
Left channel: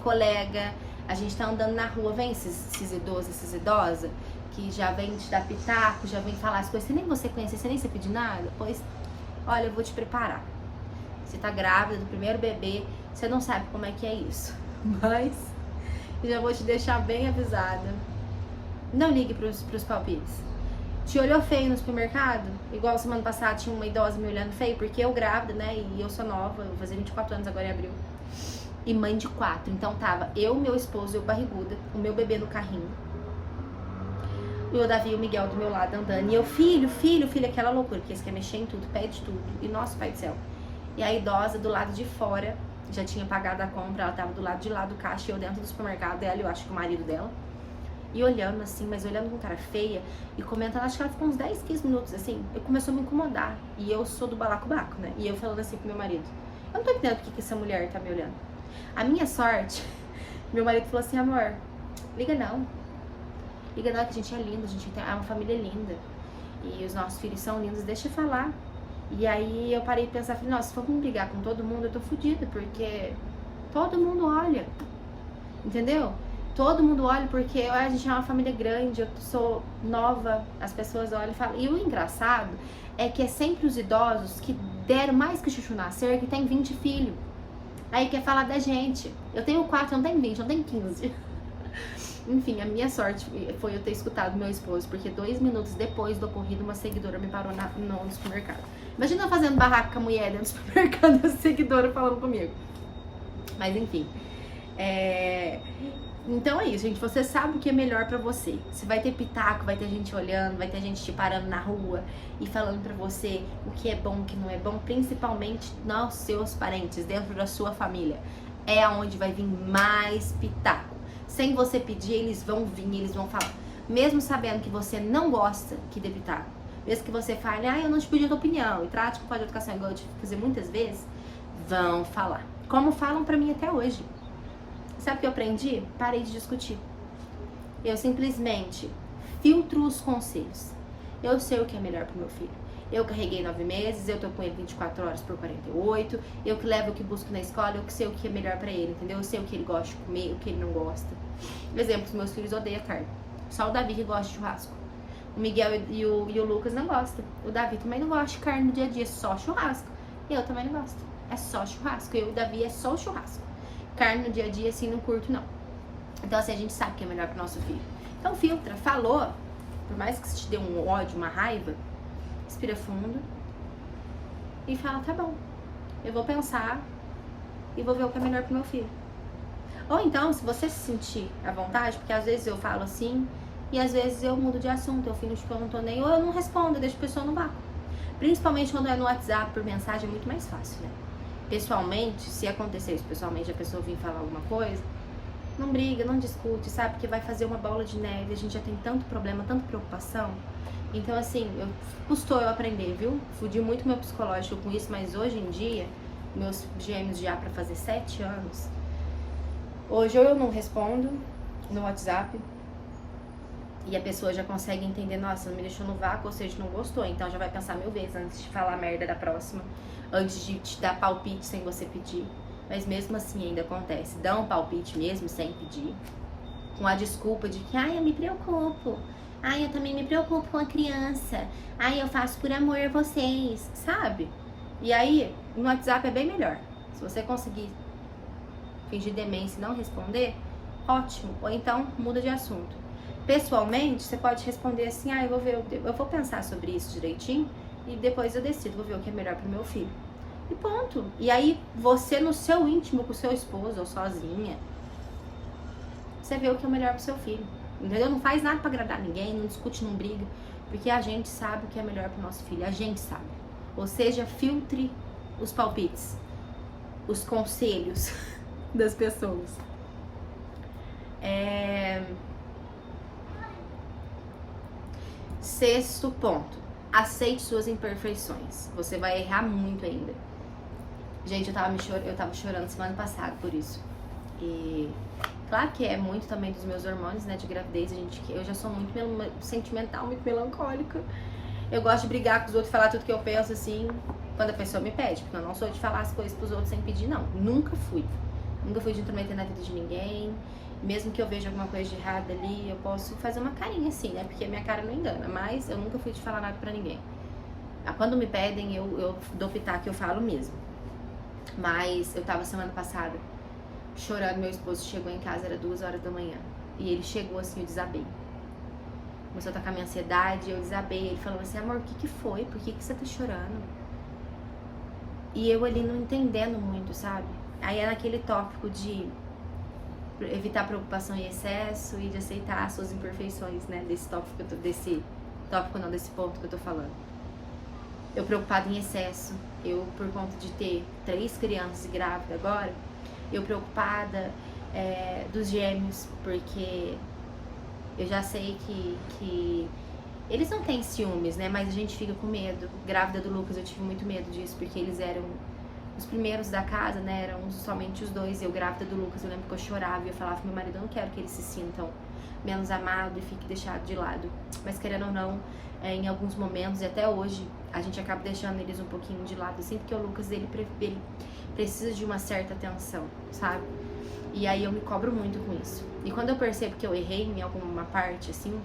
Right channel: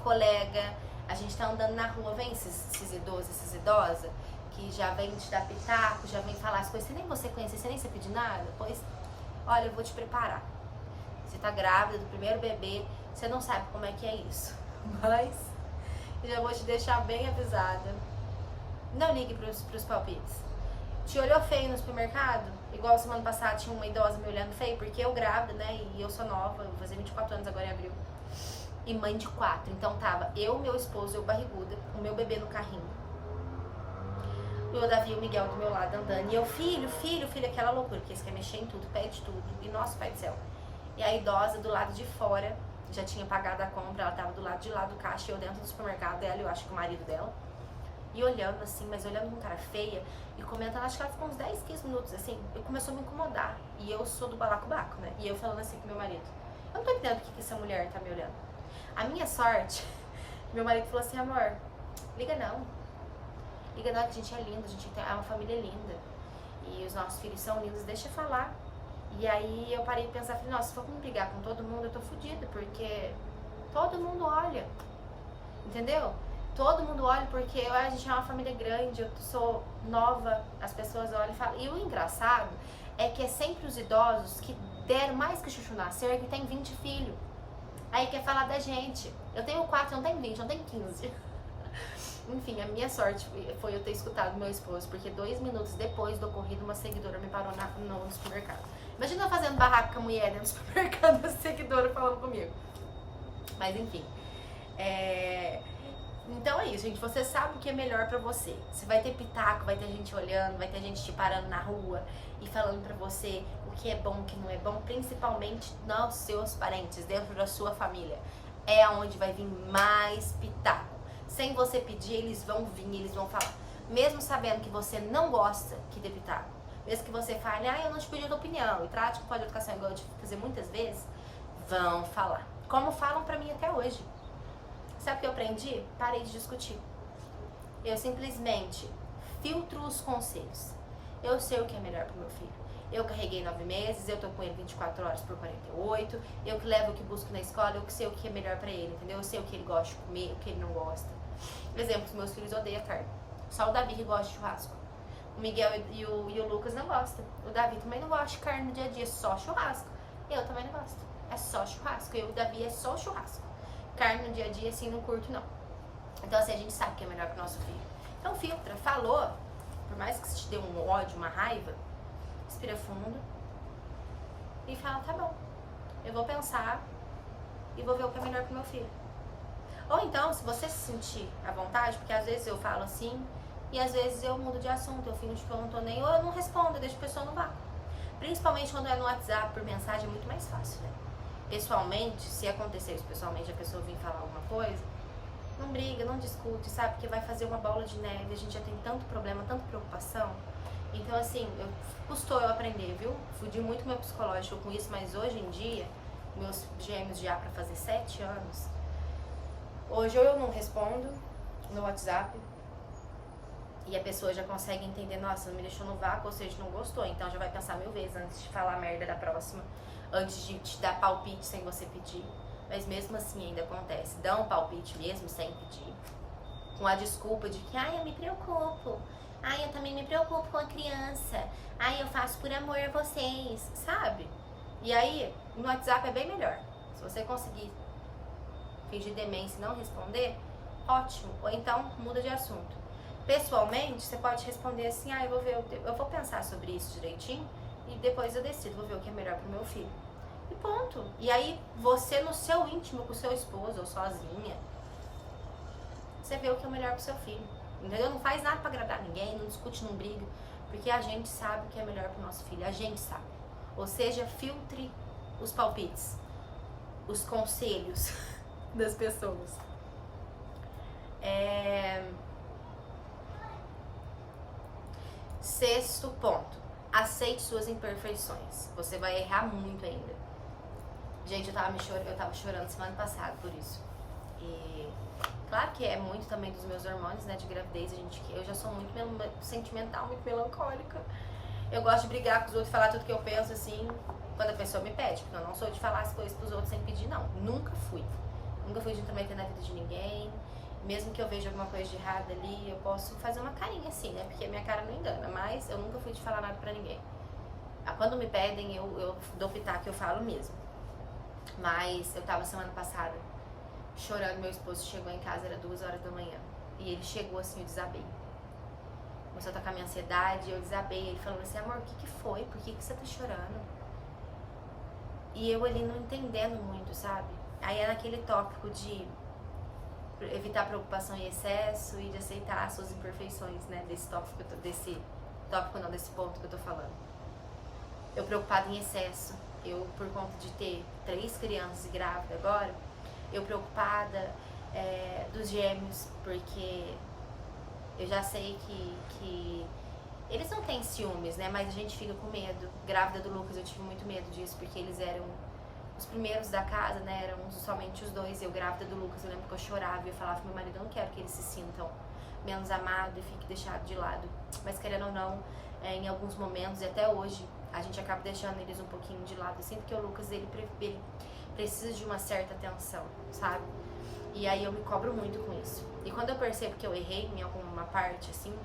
colega, a gente tá andando na rua, vem esses idosos, essas idosas, que já vem te dar pitaco, já vem falar as coisas, você nem você conhece, você nem você pedir nada, pois, olha, eu vou te preparar. Você tá grávida do primeiro bebê, você não sabe como é que é isso, mas já vou te deixar bem avisada. Não ligue pros palpites. Te olhou feio no supermercado? Igual semana passada tinha uma idosa me olhando feio, porque eu grávida, né, e eu sou nova, eu vou fazer 24 anos agora em abril. E mãe de 4, então tava eu, meu esposo, eu barriguda, o meu bebê no carrinho. E o Davi e o Miguel do meu lado andando. E eu, filho, aquela loucura, porque eles querem mexer em tudo, pede tudo. E nosso pai do céu. E a idosa do lado de fora, já tinha pagado a compra, ela tava do lado de lá do caixa, e eu dentro do supermercado dela, eu acho que o marido dela. E olhando assim, mas olhando com cara feia, e comentando, acho que ela ficou uns 10, 15 minutos assim. Eu começou a me incomodar. E eu sou do balacobaco, né? E eu falando assim pro meu marido, eu não tô entendendo porque que essa mulher tá me olhando. A minha sorte, meu marido falou assim, amor, liga não que a gente é lindo, a gente é uma família linda. E os nossos filhos são lindos, deixa eu falar. E aí eu parei de pensar, falei, nossa, se for me brigar com todo mundo, eu tô fodida, porque todo mundo olha, entendeu? Todo mundo olha porque a gente é uma família grande, eu sou nova, as pessoas olham e falam. E o engraçado é que é sempre os idosos que deram mais que o chuchu nascer, que tem 20 filhos. Aí quer falar da gente. Eu tenho 4, eu não tenho 20, eu não tenho 15. Enfim, a minha sorte foi eu ter escutado meu esposo, porque 2 minutos depois do ocorrido, uma seguidora me parou no supermercado. Imagina eu fazendo barraco com a mulher dentro do supermercado, a seguidora falando comigo. Mas enfim, Então é isso, gente. Você sabe o que é melhor pra você. Você vai ter pitaco, vai ter gente olhando, vai ter gente te parando na rua e falando pra você o que é bom, o que não é bom, principalmente nos seus parentes, dentro da sua família. É aonde vai vir mais pitaco. Sem você pedir, eles vão vir, eles vão falar. Mesmo sabendo que você não gosta que dê pitaco. Mesmo que você fale, eu não te pedi a tua opinião, e trate com falta de educação, igual eu tive que fazer muitas vezes, vão falar. Como falam pra mim até hoje. Sabe o que eu aprendi? Parei de discutir. Eu simplesmente filtro os conselhos. Eu sei o que é melhor pro meu filho. Eu carreguei 9 meses, eu tô com ele 24 horas por 48, eu que levo o que busco na escola, eu que sei o que é melhor pra ele, entendeu? Eu sei o que ele gosta de comer, o que ele não gosta. Exemplo, os meus filhos odeiam carne. Só o Davi que gosta de churrasco. O Miguel e o Lucas não gostam. O Davi também não gosta de carne no dia a dia, só churrasco. Eu também não gosto. É só churrasco. Eu e o Davi é só churrasco. Carne no dia a dia, assim, não curto, não. Então, assim, a gente sabe que é melhor pro nosso filho. Então, filtra. Falou, por mais que te dê um ódio, uma raiva, respira fundo e fala, tá bom, eu vou pensar e vou ver o que é melhor pro meu filho. Ou então, se você se sentir à vontade, porque às vezes eu falo assim e às vezes eu mudo de assunto, eu fingo que eu não tô nem, ou eu não respondo, eu deixo a pessoa no vácuo. Principalmente quando é no WhatsApp, por mensagem, é muito mais fácil, né? Pessoalmente, se acontecer isso pessoalmente, a pessoa vir falar alguma coisa, não briga, não discute, sabe? Porque vai fazer uma bola de neve, a gente já tem tanto problema, tanta preocupação. Então, assim, custou eu aprender, viu? Fudi muito meu psicológico com isso, mas hoje em dia, meus gêmeos já pra fazer 7 anos, hoje ou eu não respondo no WhatsApp, e a pessoa já consegue entender, nossa, me deixou no vácuo, ou seja, não gostou, então já vai pensar 1000 vezes antes de falar merda da próxima, antes de te dar palpite sem você pedir. Mas mesmo assim ainda acontece, dá um palpite mesmo sem pedir, com a desculpa de que, eu me preocupo, eu também me preocupo com a criança, eu faço por amor a vocês, sabe? E aí, no WhatsApp é bem melhor, se você conseguir fingir demência e não responder, ótimo, ou então muda de assunto. Pessoalmente, você pode responder assim, eu vou pensar sobre isso direitinho e depois eu decido, vou ver o que é melhor pro meu filho. E ponto. E aí, você no seu íntimo, com o seu esposo ou sozinha, você vê o que é melhor pro seu filho. Entendeu? Não faz nada pra agradar ninguém, não discute, não briga, porque a gente sabe o que é melhor pro nosso filho, a gente sabe. Ou seja, filtre os palpites, os conselhos das pessoas. Sexto ponto, aceite suas imperfeições. Você vai errar muito ainda. Gente, eu tava chorando semana passada por isso. E claro que é muito também dos meus hormônios, né, de gravidez. Eu já sou muito sentimental, muito melancólica. Eu gosto de brigar com os outros, falar tudo que eu penso, assim, quando a pessoa me pede. Porque eu não sou de falar as coisas pros outros sem pedir, não. Nunca fui. Nunca fui de intrometer na vida de ninguém. Mesmo que eu veja alguma coisa de errado ali, eu posso fazer uma carinha assim, né? Porque minha cara não engana. Mas eu nunca fui de falar nada pra ninguém. Quando me pedem, eu dou pitaco, eu falo mesmo. Mas eu tava semana passada chorando, meu esposo chegou em casa, era 2 horas da manhã. E ele chegou assim, eu desabei. Começou a tocar minha ansiedade, eu desabei. Ele falou assim, amor, o que foi? Por que você tá chorando? E eu ali não entendendo muito, sabe? Aí era aquele tópico de evitar preocupação em excesso e de aceitar as suas imperfeições, né? Desse ponto que eu tô falando. Eu preocupada em excesso, eu por conta de ter 3 crianças e grávida agora, eu preocupada dos gêmeos, porque eu já sei que eles não têm ciúmes, né? Mas a gente fica com medo. Grávida do Lucas, eu tive muito medo disso, porque eles eram os primeiros da casa, né? Eram somente os 2. Eu grávida do Lucas, eu lembro que eu chorava e eu falava pro meu marido, eu não quero que eles se sintam menos amados e fiquem deixados de lado. Mas querendo ou não, em alguns momentos, e até hoje, a gente acaba deixando eles um pouquinho de lado, assim, porque o Lucas, ele precisa de uma certa atenção, sabe? E aí eu me cobro muito com isso. E quando eu percebo que eu errei em alguma parte, assim,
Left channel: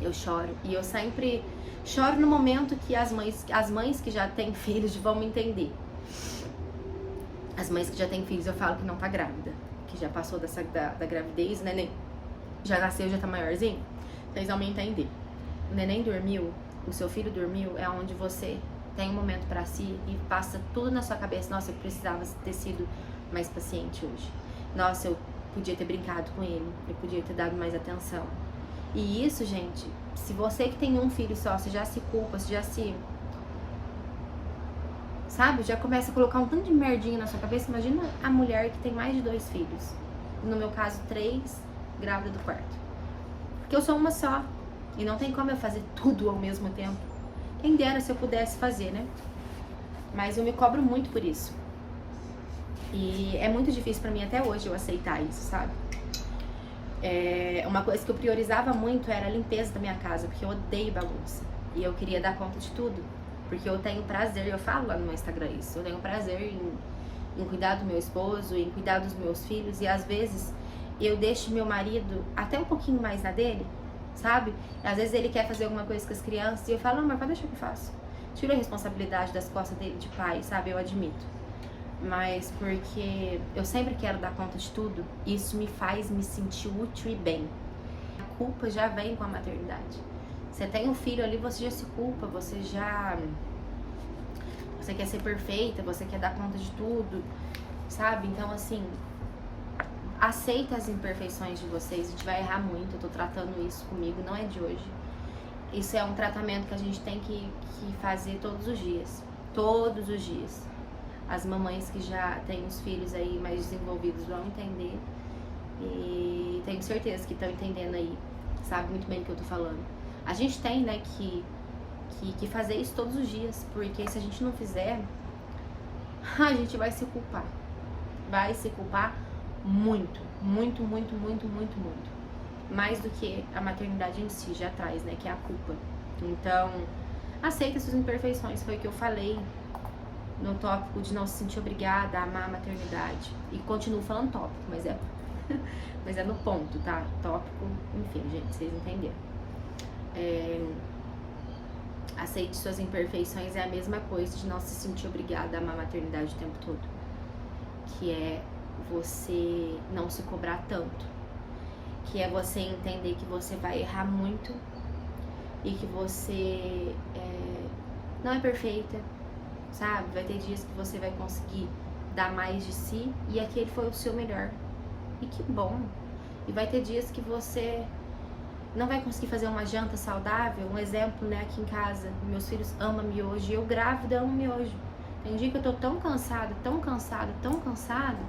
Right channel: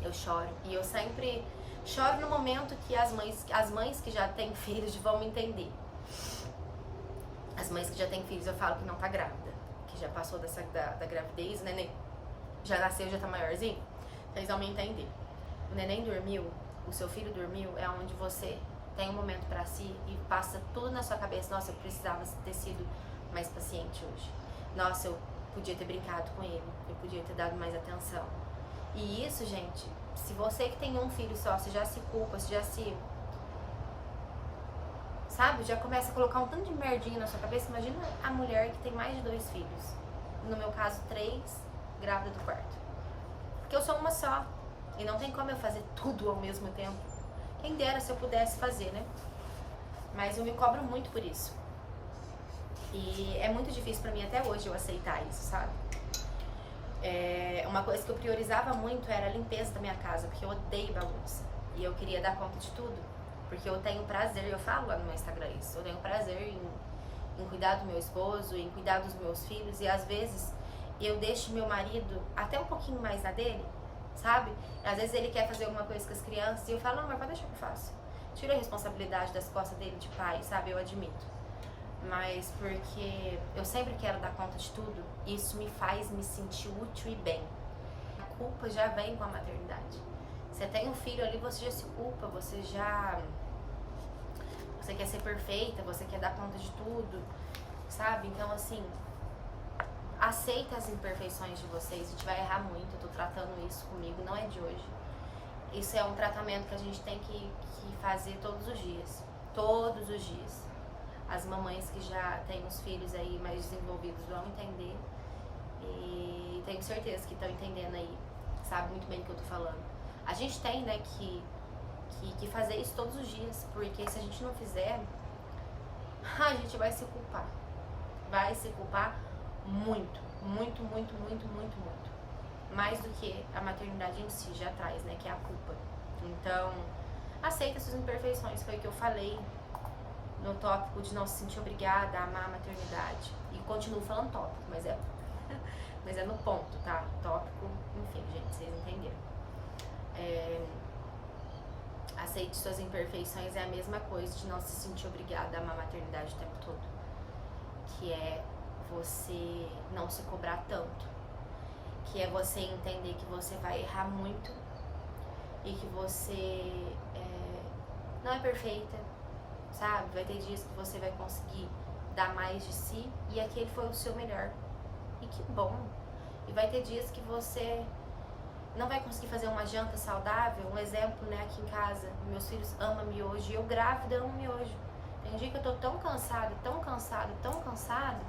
eu choro. E eu sempre choro no momento que as mães que já têm filhos vão me entender. As mães que já têm filhos, eu falo que não tá grávida, que já passou da gravidez, o neném já nasceu, já tá maiorzinho, então eles vão me entender. O neném dormiu, o seu filho dormiu, é onde você tem um momento pra si e passa tudo na sua cabeça, nossa, eu precisava ter sido mais paciente hoje. Nossa, eu podia ter brincado com ele, eu podia ter dado mais atenção. E isso, gente, se você que tem um filho só, você já se culpa, você já se... sabe? Já começa a colocar um tanto de merdinha na sua cabeça. Imagina a mulher que tem mais de 2 filhos. No meu caso, 3, grávida do 4º. Porque eu sou uma só. E não tem como eu fazer tudo ao mesmo tempo. Quem dera se eu pudesse fazer, né? Mas eu me cobro muito por isso. E é muito difícil pra mim até hoje eu aceitar isso, sabe? Uma coisa que eu priorizava muito era a limpeza da minha casa, porque eu odeio bagunça. E eu queria dar conta de tudo. Porque eu tenho prazer, eu falo lá no meu Instagram isso, eu tenho prazer em cuidar do meu esposo, em cuidar dos meus filhos. E às vezes eu deixo meu marido até um pouquinho mais na dele, sabe? Às vezes ele quer fazer alguma coisa com as crianças e eu falo, amor, pode deixar que eu faço. Tiro a responsabilidade das costas dele de pai, sabe? Eu admito. Mas porque eu sempre quero dar conta de tudo, isso me faz me sentir útil e bem. A culpa já vem com a maternidade. Você tem um filho ali, você já se culpa, você quer ser perfeita, você quer dar conta de tudo, sabe? Então, assim, aceita as imperfeições de vocês, a gente vai errar muito, eu tô tratando isso comigo, não é de hoje. Isso é um tratamento que a gente tem que fazer todos os dias, todos os dias. As mamães que já têm os filhos aí mais desenvolvidos vão entender. E tenho certeza que estão entendendo aí, sabe muito bem o que eu tô falando. A gente tem, né, que fazer isso todos os dias, porque se a gente não fizer, a gente vai se culpar. Vai se culpar muito, muito, muito, muito, muito, muito. Mais do que a maternidade em si já traz, né, que é a culpa. Então, aceita suas imperfeições, foi o que eu falei no tópico de não se sentir obrigada a amar a maternidade. E continuo falando tópico, mas é no ponto, tá? Tópico, enfim, gente, vocês entenderam. Aceite suas imperfeições é a mesma coisa de não se sentir obrigada a amar a maternidade o tempo todo. Que é você não se cobrar tanto. Que é você entender que você vai errar muito e que você não é perfeita, sabe? Vai ter dias que você vai conseguir dar mais de si e aquele foi o seu melhor. E que bom! E vai ter dias que você não vai conseguir fazer uma janta saudável. Um exemplo, né, aqui em casa, meus filhos amam miojo e eu grávida amo miojo. Tem um dia que eu tô tão cansada, tão cansada, tão cansada,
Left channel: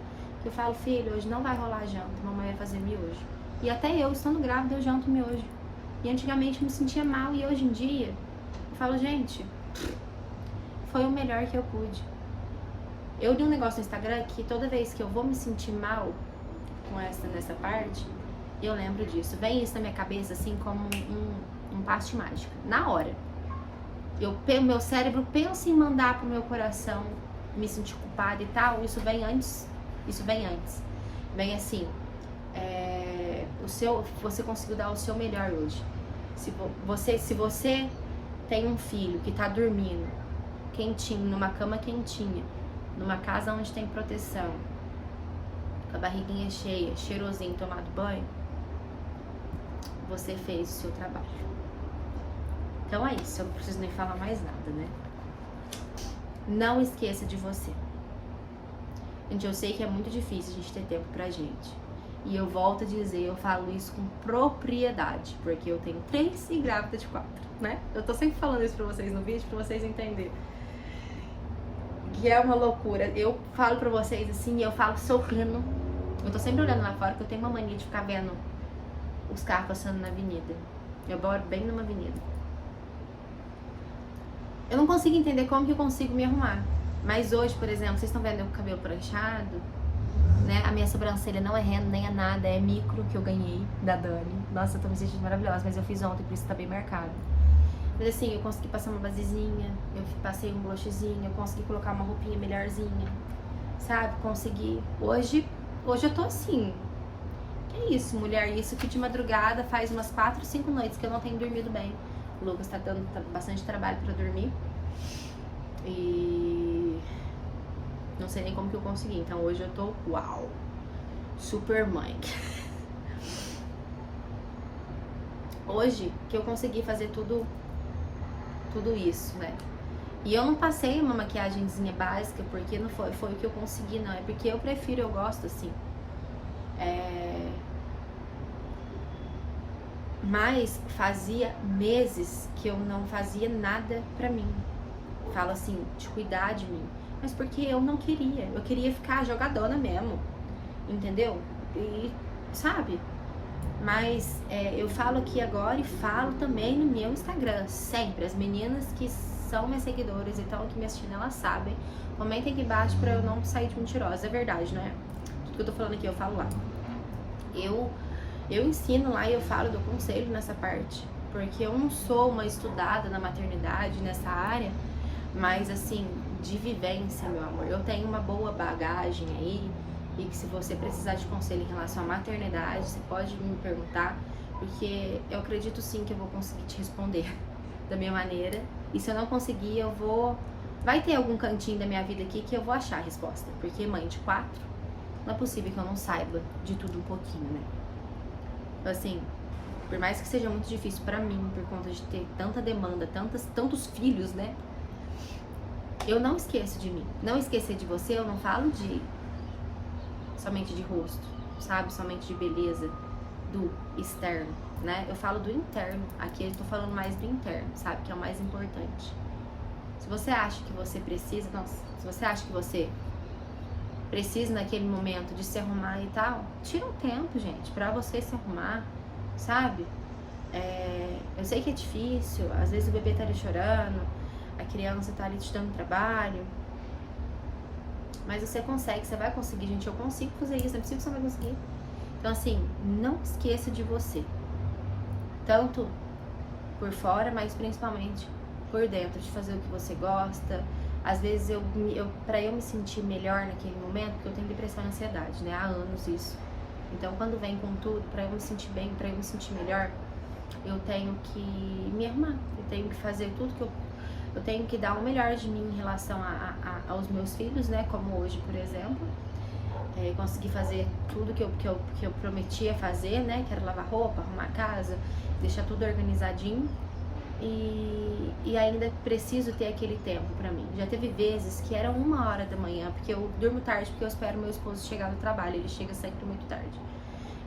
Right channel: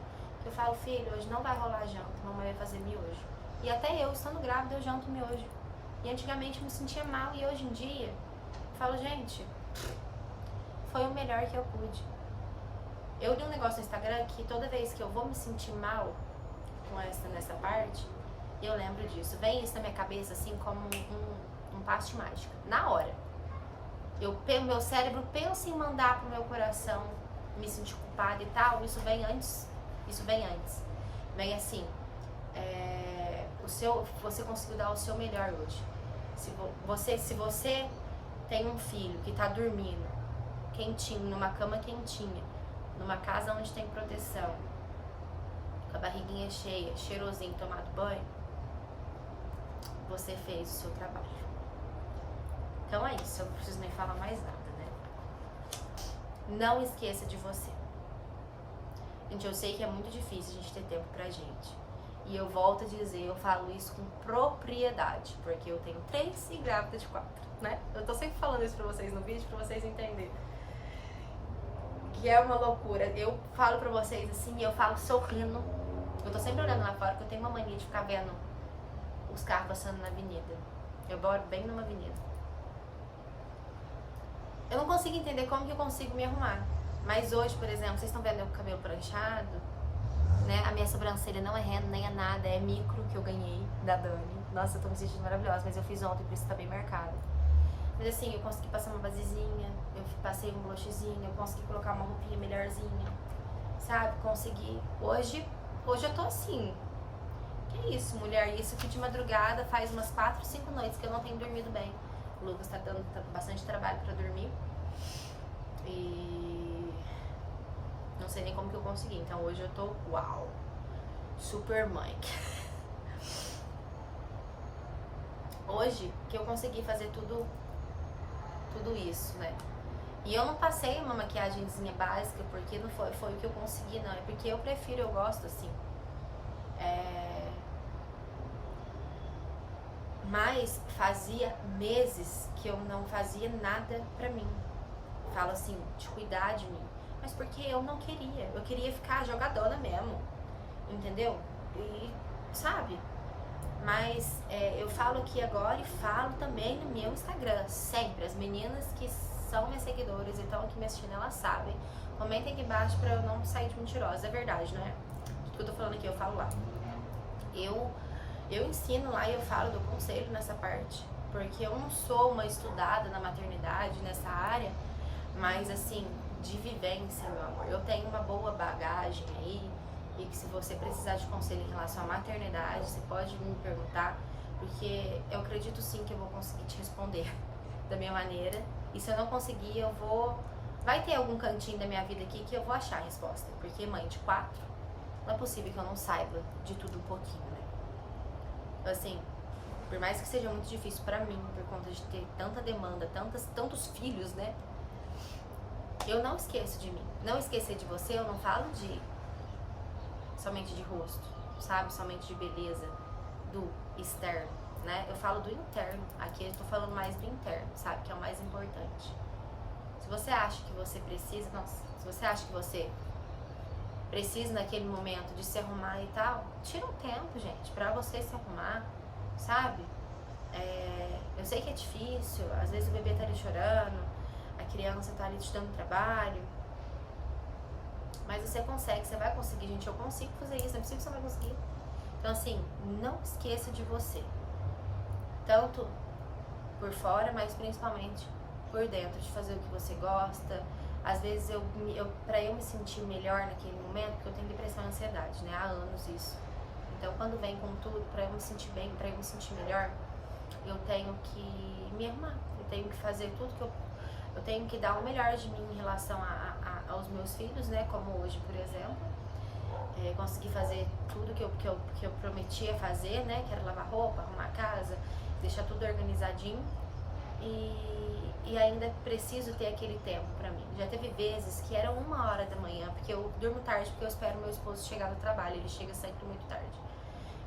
que eu falo, filho, hoje não vai rolar janta, mamãe vai fazer miojo. E até eu, estando grávida, eu janto miojo. E antigamente eu me sentia mal e hoje em dia eu falo, gente, foi o melhor que eu pude. Eu li um negócio no Instagram que toda vez que eu vou me sentir mal com nessa parte, eu lembro disso. Vem isso na minha cabeça assim como um passe mágico. Na hora. Meu cérebro pensa em mandar pro meu coração me sentir culpada e tal. Isso vem antes. Vem assim. Você conseguiu dar o seu melhor hoje. Se você tem um filho que tá dormindo quentinho, numa cama quentinha, numa casa onde tem proteção, com a barriguinha cheia, cheirosinho, tomado banho, você fez o seu trabalho. Então é isso, eu não preciso nem falar mais nada, né? Não esqueça de você. Gente, eu sei que é muito difícil a gente ter tempo pra gente. E eu volto a dizer, eu falo isso com propriedade, porque eu tenho 3 e grávida de 4, né? Eu tô sempre falando isso pra vocês no vídeo, pra vocês entenderem. Que é uma loucura. Eu falo pra vocês assim, eu falo sorrindo. Eu tô sempre olhando lá fora, porque eu tenho uma mania de ficar vendo os carros passando na avenida. Eu moro bem numa avenida. Eu não consigo entender como que eu consigo me arrumar. Mas hoje, por exemplo, vocês estão vendo meu cabelo pranchado, né? A minha sobrancelha não é renda, nem é nada, é micro que eu ganhei da Dani. Nossa, eu tô me sentindo maravilhosa, mas eu fiz ontem, por isso tá bem marcado. Mas assim, eu consegui passar uma basezinha, eu passei um blushzinho, eu consegui colocar uma roupinha melhorzinha, sabe? Consegui. Hoje eu tô assim. Que isso, mulher? Isso que de madrugada faz umas 4, 5 noites que eu não tenho dormido bem. O Lucas tá dando bastante trabalho pra dormir. E não sei nem como que eu consegui. Então hoje eu tô, uau, super mãe. Hoje que eu consegui fazer tudo isso, né? E eu não passei uma maquiagemzinha básica porque não foi o que eu consegui, não. É porque eu prefiro, eu gosto assim. Mas fazia meses que eu não fazia nada pra mim. Falo assim, de cuidar de mim. Mas porque eu não queria. Eu queria ficar jogadona mesmo. Entendeu? E, sabe? Mas eu falo aqui agora e falo também no meu Instagram. Sempre. As meninas que são minhas seguidoras e estão aqui me assistindo, elas sabem. Comentem aqui embaixo pra eu não sair de mentirosa. É verdade, não é? Tudo que eu tô falando aqui eu falo lá. Eu ensino lá e eu falo do conselho nessa parte, porque eu não sou uma estudada na maternidade, nessa área, mas assim, de vivência, meu amor. Eu tenho uma boa bagagem aí, e que se você precisar de conselho em relação à maternidade, você pode me perguntar, porque eu acredito sim que eu vou conseguir te responder da minha maneira, e se eu não conseguir, eu vou... Vai ter algum cantinho da minha vida aqui que eu vou achar a resposta, porque mãe de 4, não é possível que eu não saiba de tudo um pouquinho, né? Assim, por mais que seja muito difícil pra mim, por conta de ter tanta demanda, tantos filhos, né? Eu não esqueço de mim. Não esquecer de você, eu não falo somente de rosto, sabe? Somente de beleza, do externo, né? Eu falo do interno. Aqui eu tô falando mais do interno, sabe? Que é o mais importante. Se você acha que você precisa, se você acha que você precisa naquele momento de se arrumar e tal, tira um tempo, gente, pra você se arrumar, sabe? Eu sei que é difícil, às vezes o bebê tá ali chorando, a criança tá ali te dando trabalho, mas você consegue, você vai conseguir, gente. Eu consigo fazer isso, não é possível que você vai conseguir. Então assim, não esqueça de você, tanto por fora, mas principalmente por dentro, de fazer o que você gosta. Às vezes pra eu me sentir melhor naquele momento, porque eu tenho depressão e ansiedade, né? Há anos isso. Então quando vem com tudo, pra eu me sentir bem, pra eu me sentir melhor, eu tenho que me arrumar. Eu tenho que fazer tudo que eu tenho que dar o melhor de mim em relação aos meus filhos, né? Como hoje, por exemplo. Conseguir fazer tudo que eu prometia fazer, né? Que era lavar roupa, arrumar a casa, deixar tudo organizadinho. E ainda preciso ter aquele tempo pra mim. Já teve vezes que era 1h da manhã, porque eu durmo tarde, porque eu espero meu esposo chegar do trabalho, ele chega sempre muito tarde.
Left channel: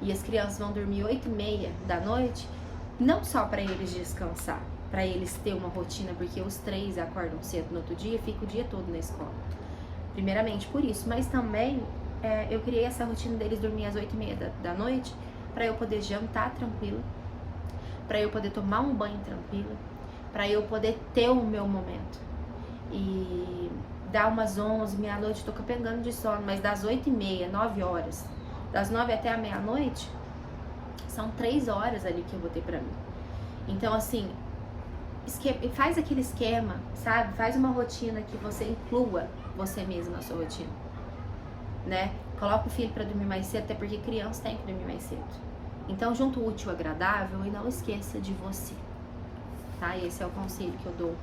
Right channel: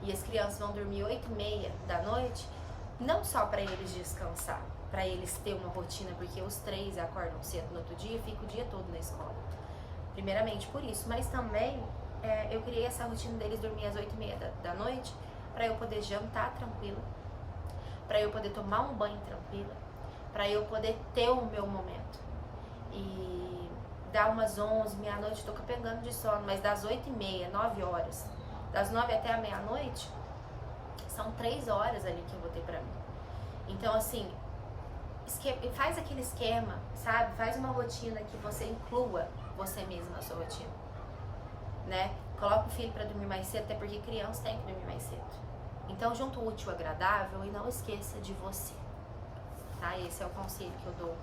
E as crianças vão dormir 8h30 da noite, não só pra eles descansar, pra eles ter uma rotina, porque os 3 acordam cedo no outro dia e ficam o dia todo na escola. Primeiramente por isso, mas também eu criei essa rotina deles dormir às 8h30 da noite, pra eu poder jantar tranquila, pra eu poder tomar um banho tranquila, pra eu poder ter o meu momento. E dá umas 11, meia-noite, tô capengando de sono, mas das 8h30, 9h, das 9 até a meia-noite, são 3 horas ali que eu vou ter pra mim. Então assim, faz aquele esquema, sabe? Faz uma rotina que você inclua você mesmo na sua rotina, né? Coloca o filho pra dormir mais cedo, até porque criança tem que dormir mais cedo. Então, junto o útil ao agradável e não esqueça de você, tá? Esse é o conselho que eu dou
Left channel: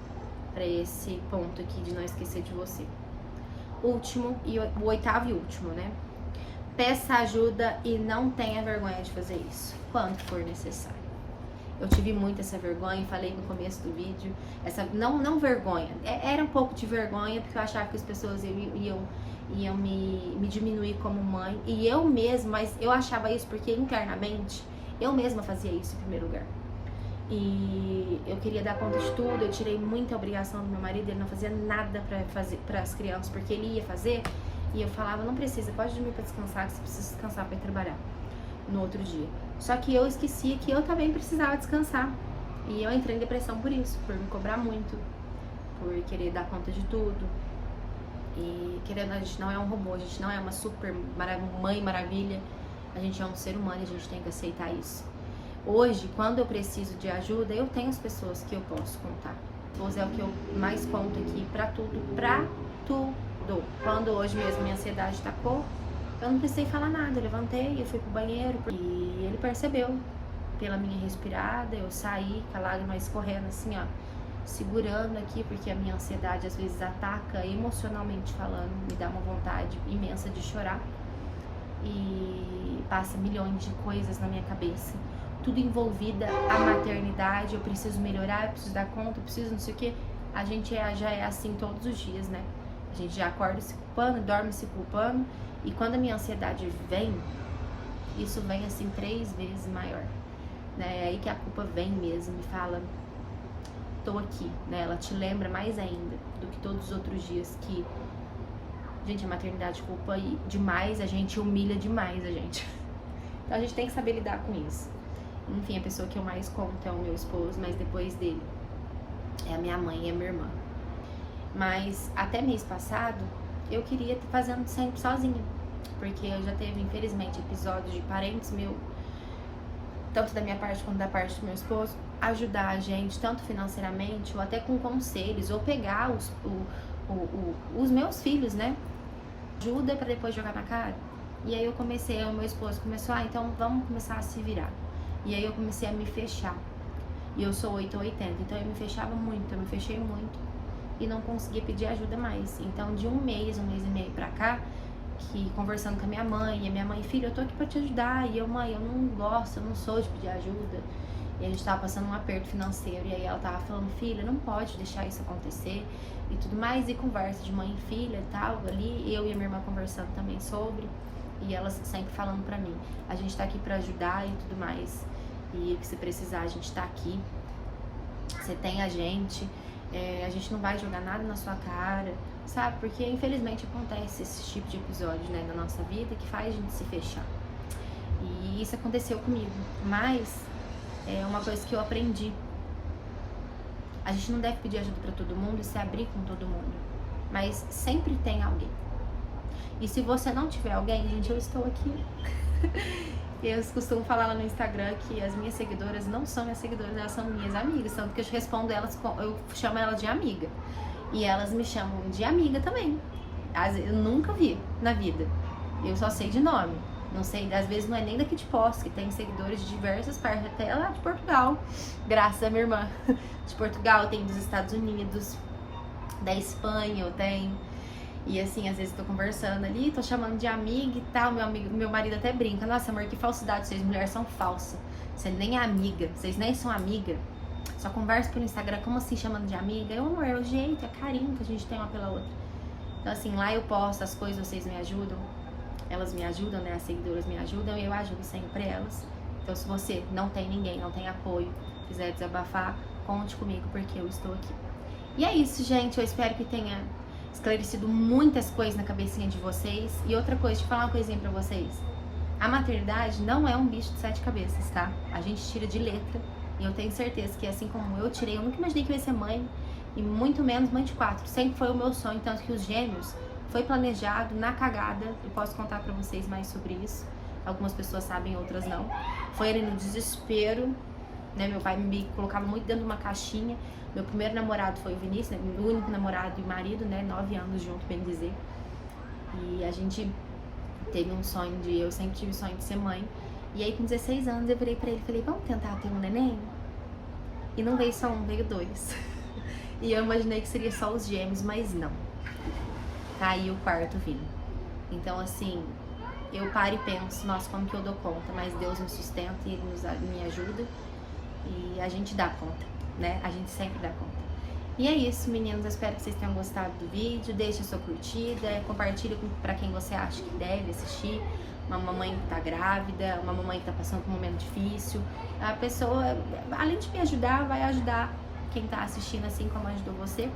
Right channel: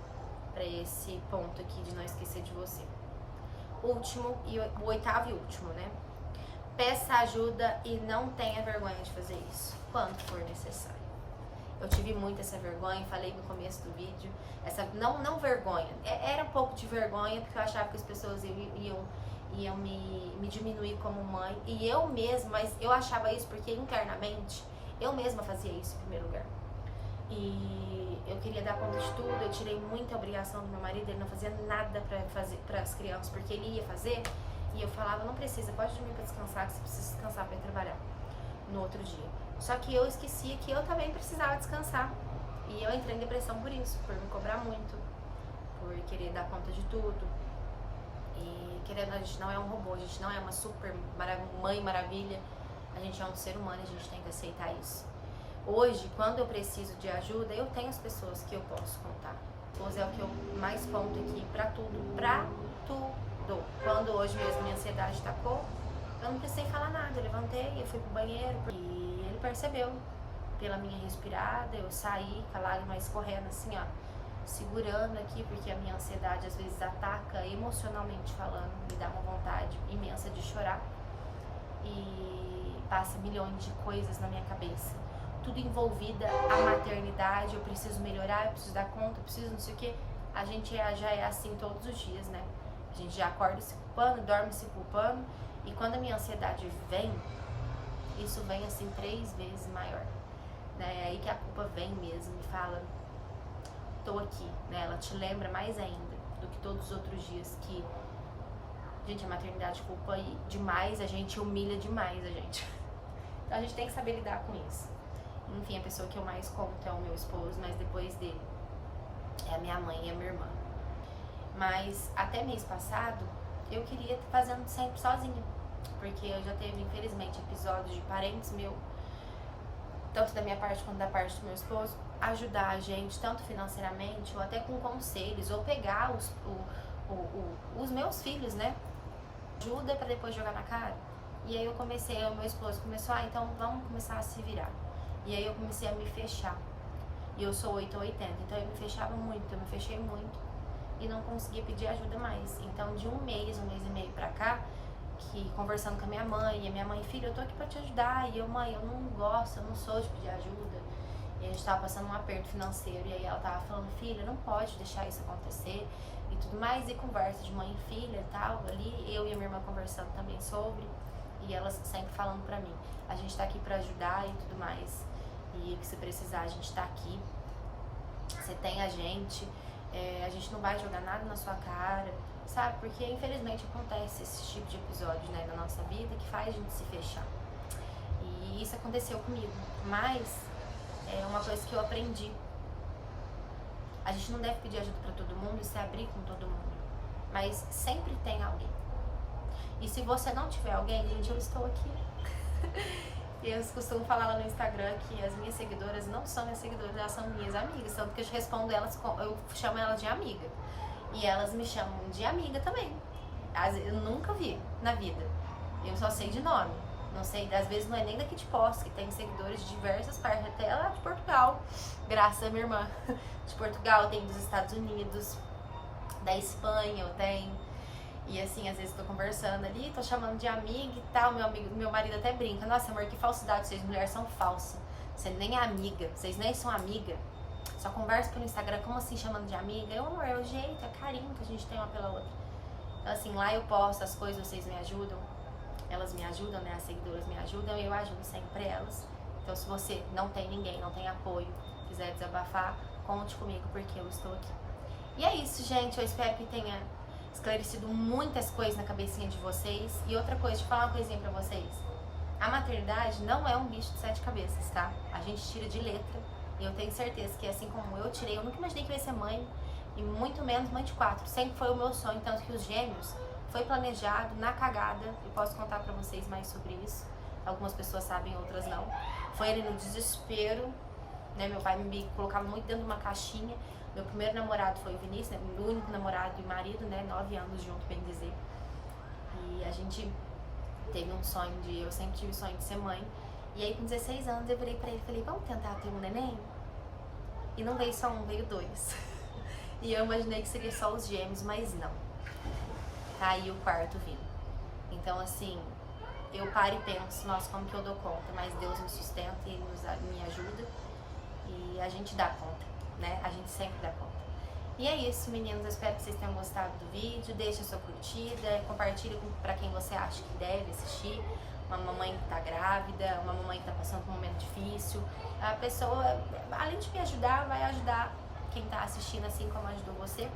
pra esse ponto aqui de não esquecer de você. Último, e o 8º e último, né? Peça ajuda e não tenha vergonha de fazer isso, quando for necessário. Eu tive muito essa vergonha, falei no começo do vídeo, não vergonha, era um pouco de vergonha, porque eu achava que as pessoas iam me diminuir como mãe, e eu mesma, mas eu achava isso porque internamente eu mesma fazia isso em primeiro lugar. E eu queria dar conta de tudo, eu tirei muita obrigação do meu marido, ele não fazia nada para as crianças, porque ele ia fazer, e eu falava, não precisa, pode dormir para descansar, que você precisa descansar para ir trabalhar no outro dia. Só que eu esquecia que eu também precisava descansar, e eu entrei em depressão por isso, por me cobrar muito, por querer dar conta de tudo. E querendo, a gente não é um robô, a gente não é uma super mãe maravilha, a gente é um ser humano e a gente tem que aceitar isso. Hoje, quando eu preciso de ajuda, eu tenho as pessoas que eu posso contar. Hoje é o que eu mais conto aqui, pra tudo. Quando hoje mesmo minha ansiedade tacou, eu não precisei falar nada, eu levantei, eu fui pro banheiro e ele percebeu pela minha respirada, eu saí com a lágrima escorrendo assim, ó, segurando aqui, porque a minha ansiedade às vezes ataca emocionalmente falando, me dá uma vontade imensa de chorar e passa milhões de coisas na minha cabeça, tudo envolvida a maternidade, eu preciso melhorar, eu preciso dar conta, eu preciso não sei o que. A gente já é assim todos os dias, né? A gente já acorda se culpando, dorme se culpando, e quando a minha ansiedade vem, isso vem assim 3 vezes maior, né? É aí que a culpa vem mesmo e fala, tô aqui, né? Ela te lembra mais ainda do que todos os outros dias que, gente, a maternidade culpa demais a gente, humilha demais a gente. Então a gente tem que saber lidar com isso. Enfim, a pessoa que eu mais conto é o meu esposo, mas depois dele é a minha mãe e a minha irmã. Mas até mês passado eu queria estar fazendo sempre sozinha, porque eu já teve, infelizmente, episódios de parentes meus, tanto da minha parte quanto da parte do meu esposo, ajudar a gente, tanto financeiramente, ou até com conselhos, ou pegar os meus filhos, né? Ajuda pra depois jogar na cara. E aí eu comecei, o meu esposo começou, então vamos começar a se virar. E aí eu comecei a me fechar. E eu sou 8 ou 80, então eu me fechava muito, eu me fechei muito. E não conseguia pedir ajuda mais. Então de um mês e meio pra cá, que conversando com a minha mãe, e a minha mãe, filha, eu tô aqui pra te ajudar. E eu, mãe, eu não gosto, eu não sou de pedir ajuda. E a gente tava passando um aperto financeiro, e aí ela tava falando, filha, não pode deixar isso acontecer, e tudo mais, e conversa de mãe e filha e tal, ali, eu e a minha irmã conversando também sobre, e elas sempre falando pra mim, a gente tá aqui pra ajudar e tudo mais, e que se precisar a gente tá aqui, você tem a gente não vai jogar nada na sua cara, sabe, porque infelizmente acontece esse tipo de episódio, né, na nossa vida, que faz a gente se fechar, e isso aconteceu comigo, mas é uma coisa que eu aprendi. A gente não deve pedir ajuda pra todo mundo e se abrir com todo mundo. Mas sempre tem alguém. E se você não tiver alguém, gente, eu estou aqui. Eu costumo falar lá no Instagram que as minhas seguidoras não são minhas seguidoras, elas são minhas amigas. Tanto que eu respondo elas, eu chamo elas de amiga. E elas me chamam de amiga também. Eu nunca vi na vida. Eu só sei de nome. Não sei, às vezes não é nem daqui de Poços, que tem seguidores de diversas partes, até lá de Portugal, graças à minha irmã. De Portugal, tem dos Estados Unidos, da Espanha eu tenho. E assim, às vezes tô conversando ali, tô chamando de amiga e tal, meu marido até brinca, nossa amor, que falsidade, vocês mulheres são falsas. Você nem é amiga, vocês nem são amiga. Só conversa pelo Instagram, como assim chamando de amiga? Eu, amor, é o jeito, é carinho que a gente tem uma pela outra. Então assim, lá eu posto as coisas, vocês me ajudam. Elas me ajudam, né? As seguidoras me ajudam e eu ajudo sempre elas. Então, se você não tem ninguém, não tem apoio, quiser desabafar, conte comigo porque eu estou aqui. E é isso, gente. Eu espero que tenha esclarecido muitas coisas na cabecinha de vocês. E outra coisa, deixa eu falar uma coisinha pra vocês. A maternidade não é um bicho de 7 cabeças, tá? A gente tira de letra. E eu tenho certeza que assim como eu tirei, eu nunca imaginei que eu ia ser mãe. E muito menos mãe de 4. Sempre foi o meu sonho, tanto que os gêmeos foi planejado na cagada, eu posso contar pra vocês mais sobre isso. Algumas pessoas sabem, outras não. Foi ali no desespero, né? Meu pai me colocava muito dentro de uma caixinha. Meu primeiro namorado foi o Vinícius, né? Meu único namorado e marido, né? 9 anos junto, bem dizer. E a gente teve um sonho eu sempre tive o sonho de ser mãe. E aí com 16 anos eu virei pra ele e falei, vamos tentar ter um neném? E não veio só um, veio 2. E eu imaginei que seria só os gêmeos, mas não. Tá aí o quarto vindo. Então, assim, eu paro e penso, nossa, como que eu dou conta? Mas Deus me sustenta e Ele me ajuda. E a gente dá conta, né? A gente sempre dá conta. E é isso, meninos. Eu espero que vocês tenham gostado do vídeo. Deixa a sua curtida, compartilha pra quem você acha que deve assistir. Uma mamãe que tá grávida, uma mamãe que tá passando por um momento difícil. A pessoa, além de me ajudar, vai ajudar quem tá assistindo, assim como ajudou você.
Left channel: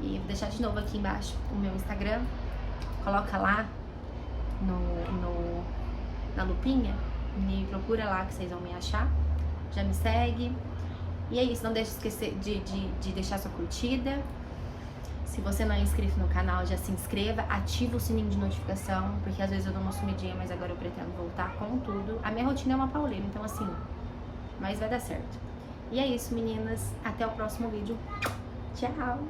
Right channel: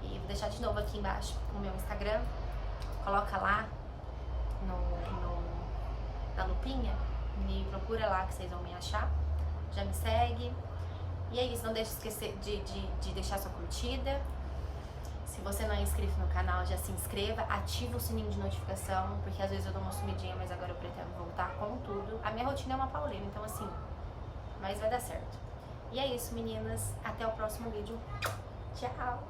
E vou deixar de novo aqui embaixo o meu Instagram. Coloca lá na lupinha, me procura lá que vocês vão me achar. Já me segue. E é isso, não deixe de esquecer de deixar sua curtida. Se você não é inscrito no canal, já se inscreva, ativa o sininho de notificação, porque às vezes eu dou uma sumidinha, mas agora eu pretendo voltar com tudo. A minha rotina é uma pauleira, então assim, mas vai dar certo. E é isso, meninas. Até o próximo vídeo. Tchau!